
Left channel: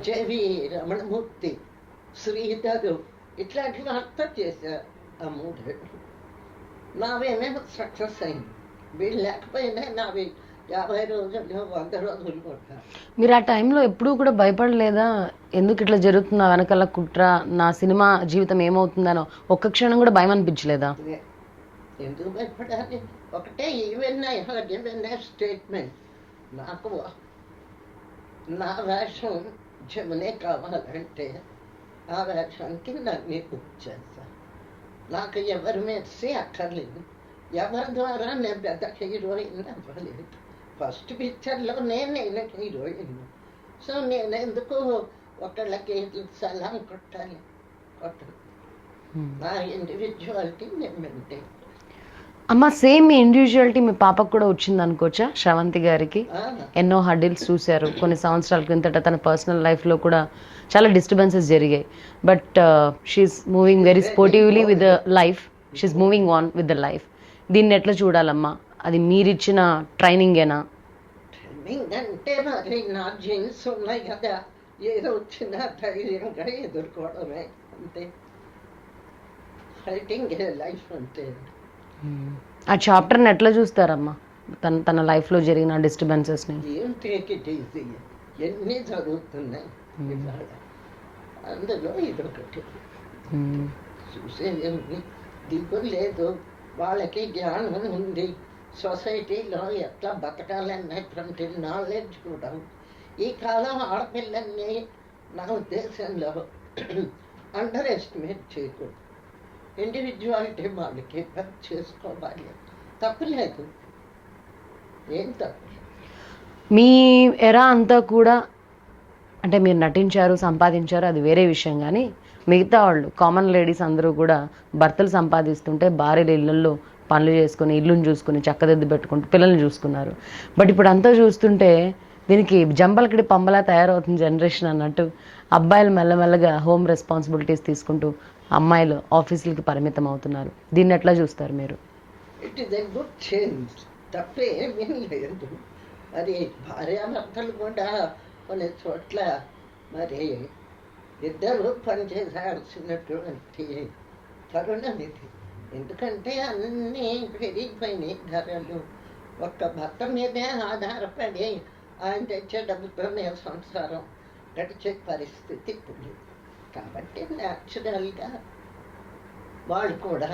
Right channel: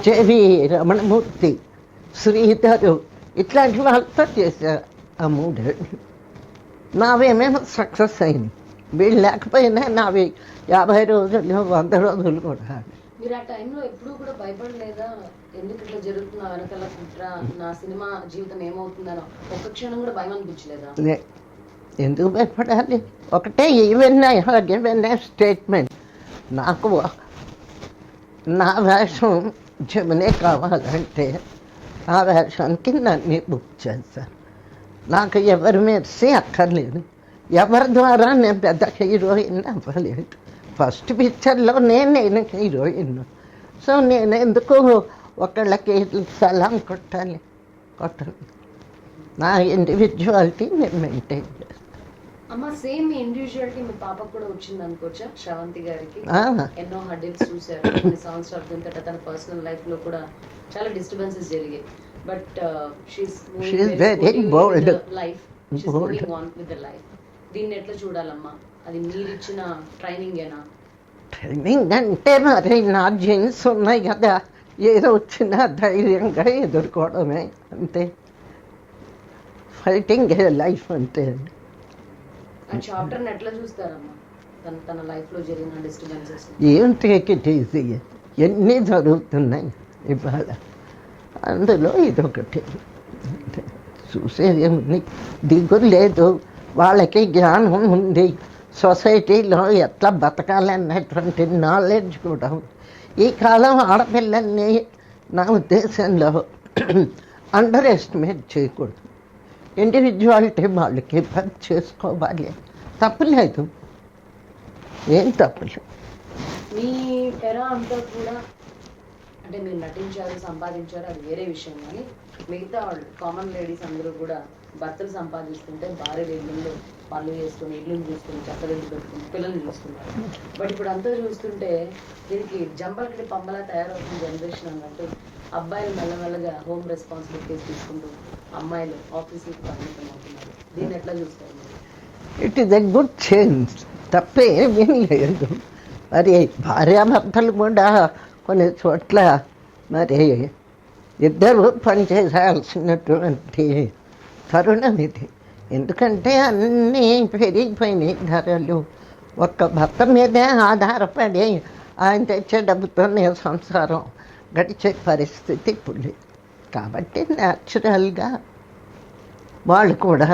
జేవి రమణమూర్తి, శ్రీధరు, ఇట్లాంటి వాళ్ళతో చేశారు ఆ 3 ఏళ్ళు. నావేమేమో సక్సెస్ అయింది. వీళ్ళు లేకపోయినా నావి 50 రోజులు 100 రోజులు కూడా. మీరు ఆ టైంలో ఎప్పుడూ కూడా భయపడలేదా? ఎందుకు ఇట్లా జరుగుతుందా, వెనకాల కుట్ర, నా సినిమా జీవితం ఏమవుతుందనో ఒక్క క్షణం కూడా భయం అనిపించలేదా? ఎందుకు భయపడాలి? ఒకటే even I have given a statement. నాకు నా వేషం జమునే కావాలంటే ఆ వేషానికి నన్ను బుక్ చేశారు. నాకు ఎవరి మెర్సీ అక్కర్లేదు, ఎవరి ద్వారా నేను పెద్ద హీరోయిన్ అవ్వలేదు. ఫస్ట్ పిక్చర్లోనే నేను హీరోయిన్. సో నేను ఎందుకు ఒకళ్ళకి సలాం కొట్టాలి? నా ఇండివిజువాలిటీ నేను మెయింటైన్ చేస్తాను. అమ్మ, సేమ్ మీ ఇండివిజువాలిటీ మీ పాపకు కూడా వచ్చింది అనుకోవచ్చా? శ్రవంతి గారికి ఎన్నో హర్డిల్స్ చూశారు కొన్ని సంవత్సరాల కిందట. తన పర్సనల్ లైఫ్లో కూడా చాలా డిస్టర్బెన్సెస్ జరిగాయి. But she's moving very sportively with the life. She's moving on with the life. దీన్ని ఎట్లా చూడాలమ్మా? అది మీరిచ్చిన ట్రైనింగేనా? ట్రైనింగ్ అంటే మరి నా జీన్స్ ఉన్నాయి కదా, ఏదో వచ్చినా ధైర్యంగా ఎదుర్కోవడమే, అంతే. ఫైటింగ్ లైఫ్ అంటే. ఆ చాప్టర్ని ఎట్లా చూస్తారమ్మా? తన లైఫ్లో జరిగిన డిస్టర్బెన్సెస్ని ఏం టేక్ ఇట్ ఈజీ, ఎన్ని జరుగుతున్నాయి ఇవాళ, అందులో ఇదొకటి. చూసేది దిగులు లేదు, వాళ్ళకి జ్ఞానం ఉంది, సొసైటీలో ఎట్లా బతకాలన్నటువంటి నాలెడ్జ్ కూడా. ఈ కాలం ఆడపిల్లల్ని నా ఉద్దేశంలో అండర్ ఎస్టిమేట్ చేయకూడదు. ఇండివిజువాలిటీ వాళ్ళకి పని చేసుకోవాలి, తప్పులేదు, ఏం తప్పులేదు. మీ ఎరా అంతా కూడా అంటే మీరు నటించారు, సంపాదించారు, అది వేరే విషయం. కానీ మిగతా వాళ్ళు కామన్ లేడీస్ అందరూ కూడా భర్తలు సంపాదిస్తుంటే భార్యలు ఇళ్ళల్లో పనులు చేసుకుని ఇల్లుని చూసుకుని చక్కదిద్దు పెట్టుకుంటూ పిల్లల్ని చూసుకున్నారు. బట్ ఇప్పుడు అంతా చూస్తుంటే దీనికి జంబలకిడి పంబలా తయారవుతుంది జనరేషన్ అన్నట్టు. అబ్బాయిలు మెల్లమెల్లగా హోమ్ రెస్పాన్సిబిలిటీస్ తీసుకుంటూ అమ్మాయిలు ఆఫీసులకి పరిమితం అవుతున్నారు. దీన్ని ఎట్లా చూస్తారు మీరు? It is a good change, తప్పేమీ లేదు. మరి భార్యాభర్తలు కూడా కొన్ని చోట్ల మరి ఇద్దరు పనిచేయాల్సినటువంటి తరుణం ఇది. ఎందుకంటే అన్నీ పెరిగిపోయినాయి ధరలు. ఒక్క భర్త మీదే ఆధారపడి ఆయన తెచ్చే డబ్బుతోనే సంసారం గడిచే పరిస్థితి ఇప్పుడు లేదు. కాబట్టి న్యాచురల్గా వాళ్ళు కూడా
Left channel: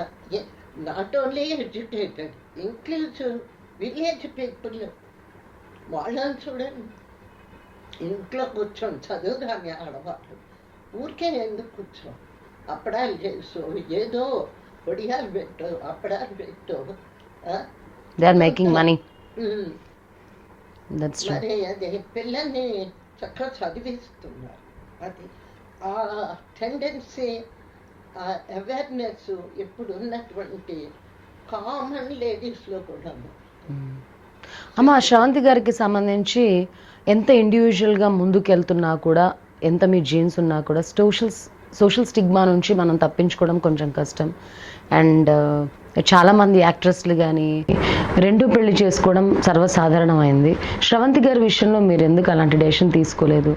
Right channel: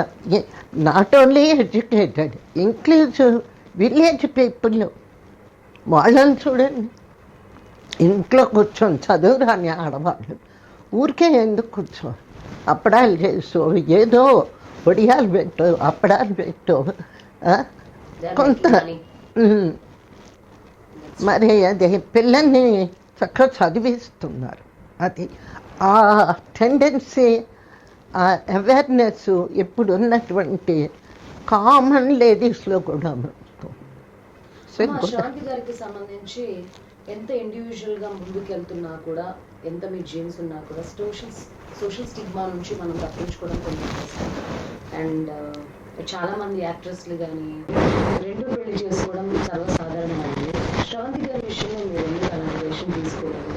not only educated, include village people, వాళ్ళని చూడండి. ఇంట్లో కూర్చొని చదువు రాని ఆడవాళ్ళు ఊరికే ఎందుకు కూర్చో, అప్పడాలు చేసు, ఏదో పొడియాలు పెట్టు, అప్పడాలు పెట్టు, మరి అది పిల్లల్ని చక్కగా చదివిస్తున్నారు. అది ఆ టెండెన్సీ, ఆ అవేర్నెస్ ఇప్పుడు ఉన్నటువంటి కామన్ లేడీస్లో కూడా. అమ్మ, శ్రవంతి గారికి సంబంధించి ఎంత ఇండివిజువల్గా ముందుకెళ్తున్నా కూడా, ఎంత మీ జీన్స్ ఉన్నా కూడా సోషల్ స్టిగ్మా నుంచి మనం తప్పించుకోవడం కొంచెం కష్టం. అండ్ చాలామంది యాక్ట్రెస్లు కానీ రెండూ పెళ్లి చేసుకోవడం సర్వసాధారణమైంది. శ్రవంతి గారి విషయంలో మీరు ఎందుకు అలాంటి డెసిషన్ తీసుకోలేదు?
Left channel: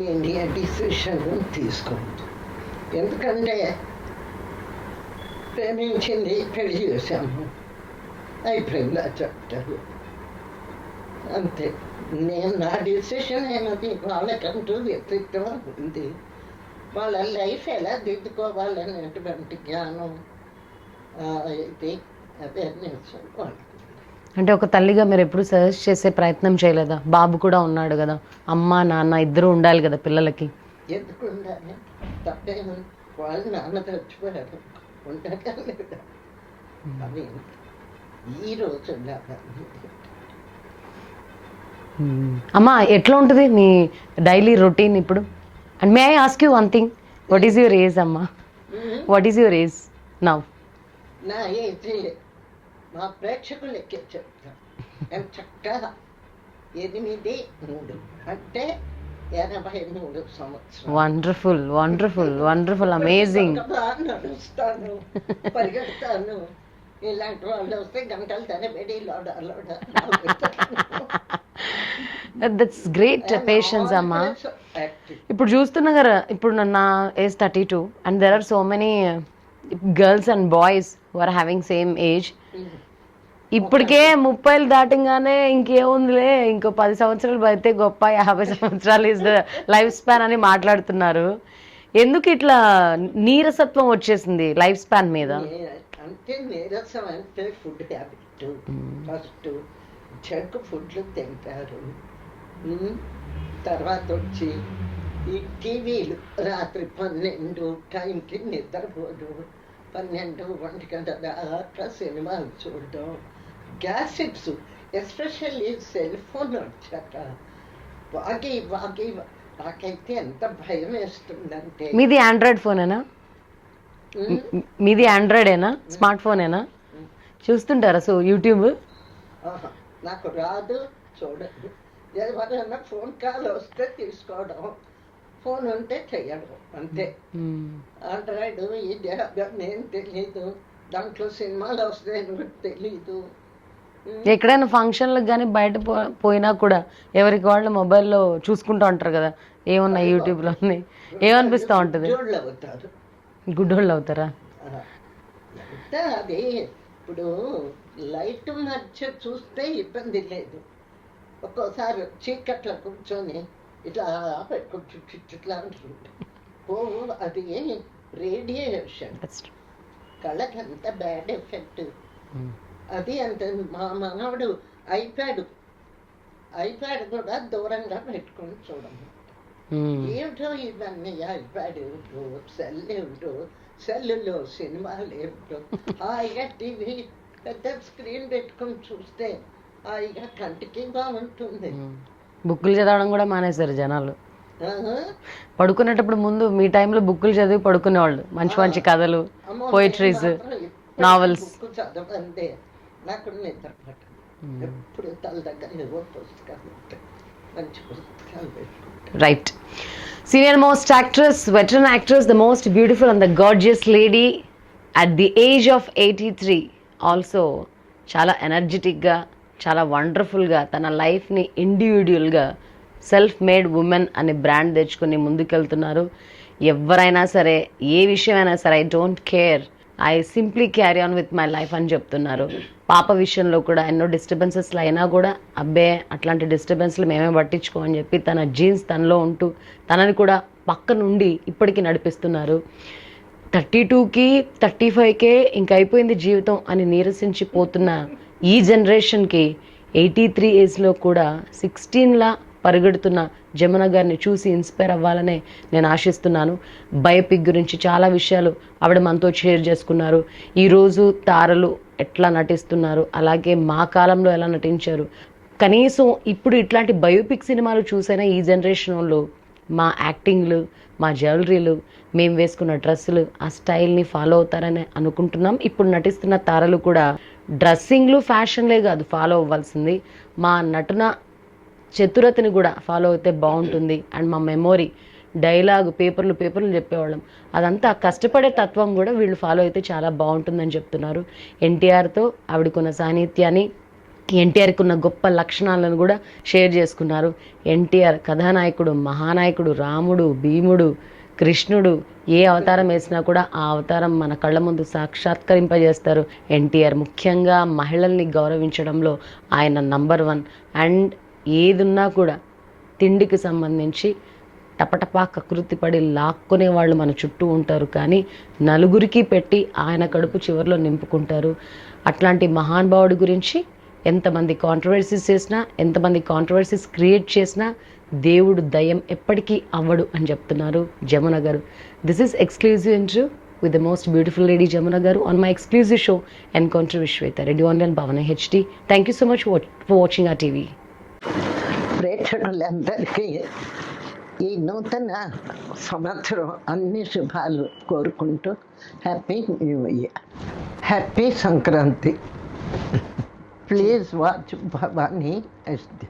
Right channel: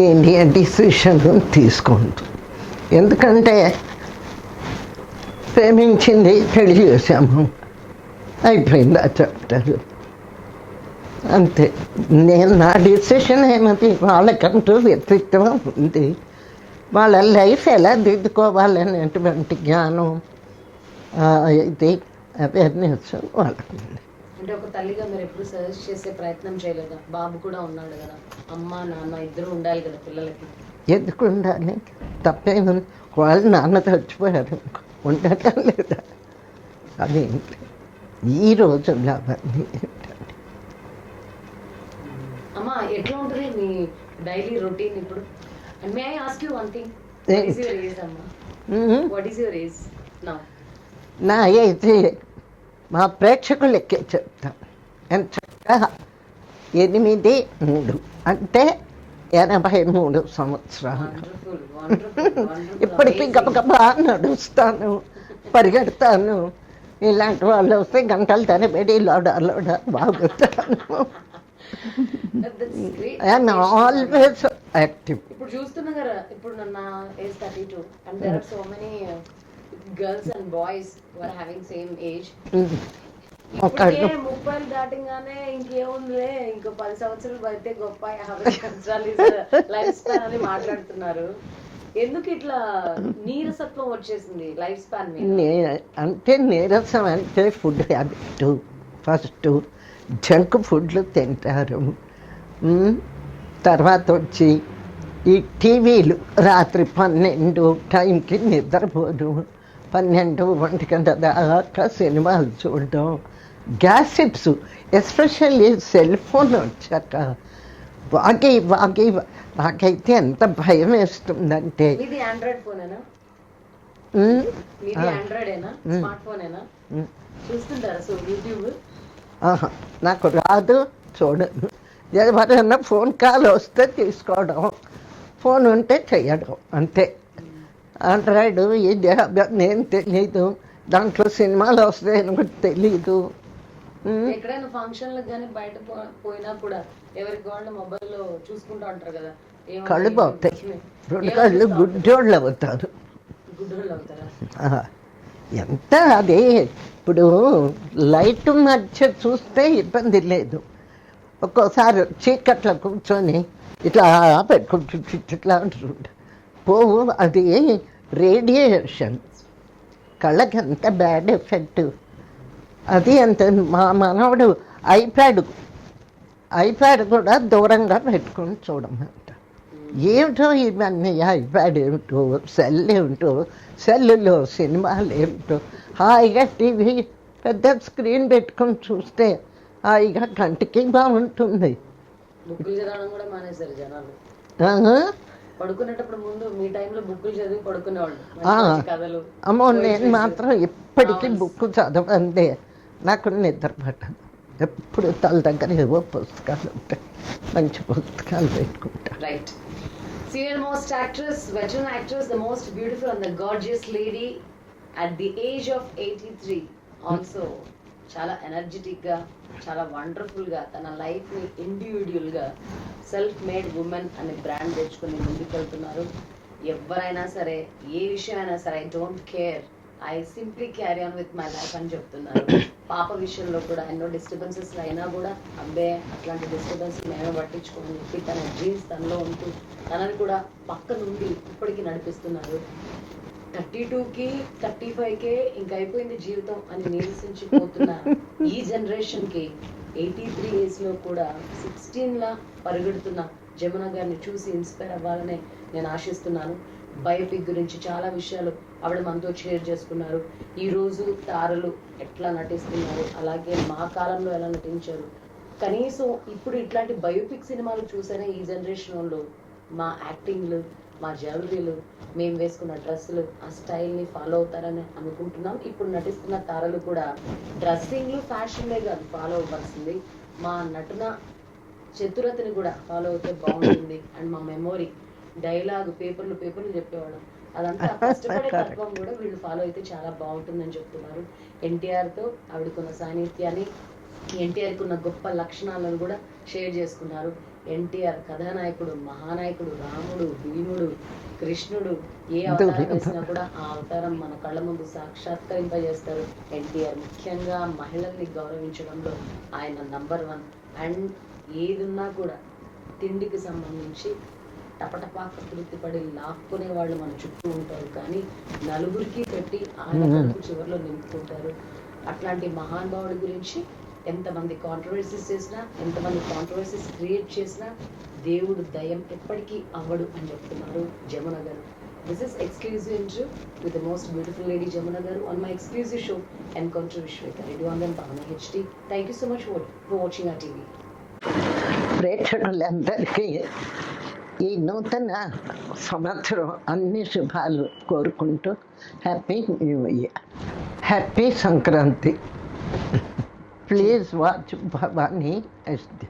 నేను ఏ డిసిషన్ తీసుకోండి, ఎందుకంటే ప్రేమించింది, పెళ్లి చేసాము, అయిపోయింది ఆ చాప్టర్, అంతే. నేను నా డిసిషన్ ఏమది, వాళ్ళకంటూ వ్యక్తిత్వం ఉంది, వాళ్ళ లైఫ్ ఎలా దిద్దుకోవాలనేటువంటి జ్ఞానం, ఇది అవేర్నెస్ వాళ్ళకు. అంటే ఒక తల్లిగా మీరు ఎప్పుడు సజెస్ట్ చేసే ప్రయత్నం చేయలేదా? బాబు కూడా ఉన్నాడు కదా, అమ్మ నాన్న ఇద్దరు ఉండాలి కదా పిల్లలకి. ఎందుకు ఉండాలి? తప్పేముంది? వాళ్ళు నాన్న చచ్చిపోయారు, ఉండటం లేదా? అదేంటి ఈ రోజుల్లో అవన్నీ. అమ్మ, ఎట్లా ఉంటుంది మీ డైలీ రొటీన్ ఇప్పుడు? And may I ask you one thing, what is your age అమ్మా? What is your age now? నా ఏజ్ మా ప్రేక్షకులకే చెప్తాం. ఎంత చక్కగా 8-3 అంటే 83 సంవత్సరాలు. Wonderful, wonderful, wonderful, amazing. బాగా నడుస్తాను, పరిగెడతాను. ఇలాంటి వాళ్ళు వస్తే గంటలు తరబడి లోడా బాగుతాను. That's great. ఇప్పుడు చూస్తున్నా కదా, ఇప్పుడు నా age 32 and there are so many girls and boys who are having same age. ఇప్పటికే 30 దాటంగానే ఇంకేముందిలే, ఇంకో 10 సంవత్సరాలు బతితే గొప్ప, 50 సంవత్సరాలు ఇస్ లైఫ్ స్పాన్ అని మాట్లాడుతున్నారు. ఎందుకు ఇట్లా నీరసత్వం వచ్చేసింది లైఫ్ స్పాన్ మీద? అంటే నీరసం అంటే ఫుడ్ హ్యాబిట్. ఫస్ట్ జంక్ ఫుడ్లు తింటారు. తర్వాత వచ్చి ఈ టీవీలు రాత్రి 12 టైంకి నిద్రపోదు, 12, 1 గంట దాకా సినిమాలు చూడడం, గ్యాసిప్స్, ఎస్పెషల్లీ సెల్ ఫోన్ వచ్చాక వాగి నాకైతే ఎంత భయం వేస్తుందంటే. మీది ఆండ్రాయిడ్ ఫోనేనా? మీది ఆండ్రాయిడేనా? స్మార్ట్ ఫోనేనా? చూస్తుంటారా సో యూట్యూబ్? నాకు రాదు, చూడను. ఎవరైనా ఫోన్ కాల్ వస్తే తీసుకోవడం, ఫోన్ ఉంటే చెయ్యడం అంతే. ఆండ్రాయిడ్ ఇది నేను తెలీదు, దాంట్లో సినిమాలు వస్తాయని కూడా తెలీదు. ఎక్కడైనా ఫంక్షన్లకు కానీ బయట పోయినా కూడా ఎవరికి వాళ్ళు మొబైల్లో చూసుకుంటూ ఉంటారు కదా, ఏమన్నా యూట్యూబ్ ఏమనిపిస్తూ ఉంటుంది? గుడ్డోళ్ళు అవుతారు. గుడ్డోళ్ళు అవుతారా? ఎంత అదే. ఇప్పుడు లైట్ మధ్య చూస్తే ఇబ్బంది లేదు, ఒక్కోసారి చీకట్లో కూర్చొని ఇట్లా పెట్టుకుంటు ఇట్లా పోవు, అది రేడియేషన్ కళ్ళకి ఎంత బ్యాడ్ ఎఫెక్ట్. అది అంత. మా మనవడు ఐప్యాడ్ కూడా దూరంగా పెట్టుకొని చూడమంట. ఏమిటో ఇవన్నీ, ఐప్యాడ్ ఏమిటో, సెల్ ఏమిటో, సెల్లులో సినిమాలు ఏమిటో. హాయిగా టీవీ పెద్ద స్క్రీన్ పెట్టుకొని చూస్తే హాయిగా కంటికి బాగుంటుంది. బుక్కులు చదవడం కూడా మానేశారు జనాలు. పడుకునేటప్పుడు ముందు మీ టైంలో బుక్కులు చదివి పడుకునేవాళ్ళు, మంచి మంచి కథలు, మాత్రం ఎప్పుడు బుక్ చదవందే, నాకు నిద్ర పట్టదు. ఎప్పుడు తల దగ్గర ఏవో పుస్తకాలు ఉంటాయి, మంచి పుస్తకాలు పెట్టుకుంటాను. Right. Senior most actress, veteran actress, the most beautiful and the gorgeous lady at the age of 83. Also చాలా ఎనర్జెటిక్గా, చాలా వండర్ఫుల్గా తన లైఫ్ని ఇండివిజువల్గా సెల్ఫ్ మేడ్ ఉమెన్ అనే బ్రాండ్ తెచ్చుకొని ముందుకెళ్తున్నారు. ఎవరైనా సరే, ఏ విషయమైనా సరే, I don't care, I simply carry on with my life అని చెప్తున్నారు. పాప విషయంలో కూడా ఎన్నో డిస్టర్బెన్సెస్లు అయినా కూడా అబ్బే అట్లాంటి డిస్టర్బెన్స్లు మేమే పట్టించుకోమని చెప్పి తన జీన్స్ తనలో ఉంటూ తనని కూడా పక్క నుండి ఇప్పటికీ నడిపిస్తున్నారు. 32కి 35కే ఇంక అయిపోయింది జీవితం అని నీరసించిపోతున్న ఈ జనరేషన్కి 83 ఏజ్లో కూడా 16లా పరిగెడుతున్న జమున గారిని చూసి ఇన్స్పైర్ అవ్వాలనే నేను ఆశిస్తున్నాను. బయోపిక్ గురించి చాలా విషయాలు ఆవిడ మనతో షేర్ చేసుకున్నారు. ఈరోజు తారలు ఎట్లా నటిస్తున్నారు, అలాగే మా కాలంలో ఎలా నటించారు, కనీసం ఇప్పుడు ఇట్లాంటి బయోపిక్ సినిమాలు చూసైనా ఈ జనరేషన్ వాళ్ళు మా యాక్టింగ్లు, మా జ్యువెలరీలు, మేము వేసుకున్న డ్రెస్సులు, ఆ స్టైల్ని ఫాలో అవుతారని అనుకుంటున్నాం. ఇప్పుడు నటిస్తున్న తారలు కూడా డ్రెస్సింగ్లు ఫ్యాషన్లే కాదు ఫాలో అవ్వాల్సింది, మా నటన చతురతని కూడా ఫాలో అయితే బాగుంటుంది. అండ్ మా మెమొరీ, డైలాగ్, పేపర్లు చెప్పేవాళ్ళం, అదంతా కష్టపడే తత్వం కూడా వీళ్ళు ఫాలో అయితే చాలా బాగుంటుందని చెప్తున్నారు. ఎన్టీఆర్తో ఆవిడకున్న సాన్నిధ్యాన్ని, ఎన్టీఆర్కి ఉన్న గొప్ప లక్షణాలను కూడా షేర్ చేసుకున్నారు. ఎన్టీఆర్ కథానాయకుడు, మహానాయకుడు, రాముడు, భీముడు, కృష్ణుడు, ఏ అవతారం వేసినా కూడా ఆ అవతారం మన కళ్ళ ముందు సాక్షాత్కరింపజేస్తారు ఎన్టీఆర్. ముఖ్యంగా మహిళల్ని గౌరవించడంలో ఆయన నంబర్ 1. అండ్ ఏదున్నా కూడా తిండికి సంబంధించి టపటపా కకృతి పడి లాక్కునే వాళ్ళు మన చుట్టూ ఉంటారు, కానీ నలుగురికి పెట్టి ఆయన కడుపు చివరిలో నింపుకుంటారు. అట్లాంటి మహానుభావుడి గురించి ఎంతమంది కాంట్రవర్సీస్ చేసినా, ఎంతమంది కాంట్రవర్సీస్ క్రియేట్ చేసినా దేవుడు దయం ఎప్పటికీ అవ్వడు అని చెప్తున్నారు జమున గారు. This is exclusive interview with the most beautiful lady Jamuna Garu on my exclusive show Encounter with Shweta, Radio on and Bhavana HD. Thank you so much for watching our TV. ప్రేక్షకులందరికీ ఈ నూతన సంవత్సరం అన్ని శుభాలు కోరుకుంటూ happy new year, happy Sankranti. Please watch Bhavani HD.